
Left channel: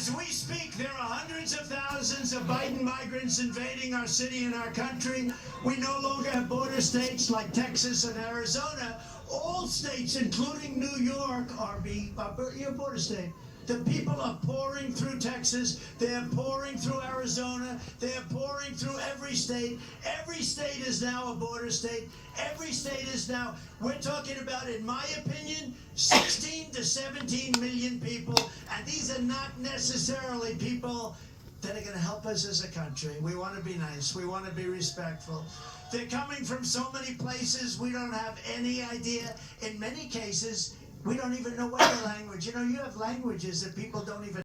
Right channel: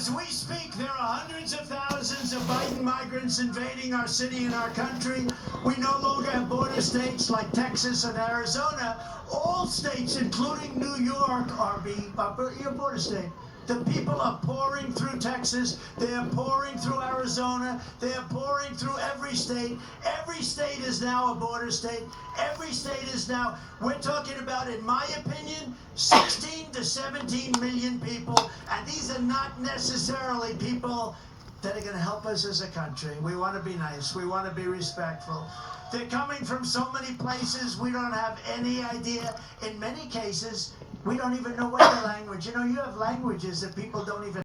As we speak, there are hundreds of thousands of Biden migrants invading our city and our country. We no longer have border states like Texas and Arizona. All states, including New York, are your border state. The people are pouring through Texas. They are pouring through Arizona. They are pouring through every state. Every state is now a border state. Every state is now, we're talking about, in my opinion, 16 to 17 million people. And these are not necessarily people that are going to help us as a country. We want to be nice. We want to be respectful. They're coming from so many places we don't have any idea. In many cases, we don't even know what the language. You know, you have languages that people don't even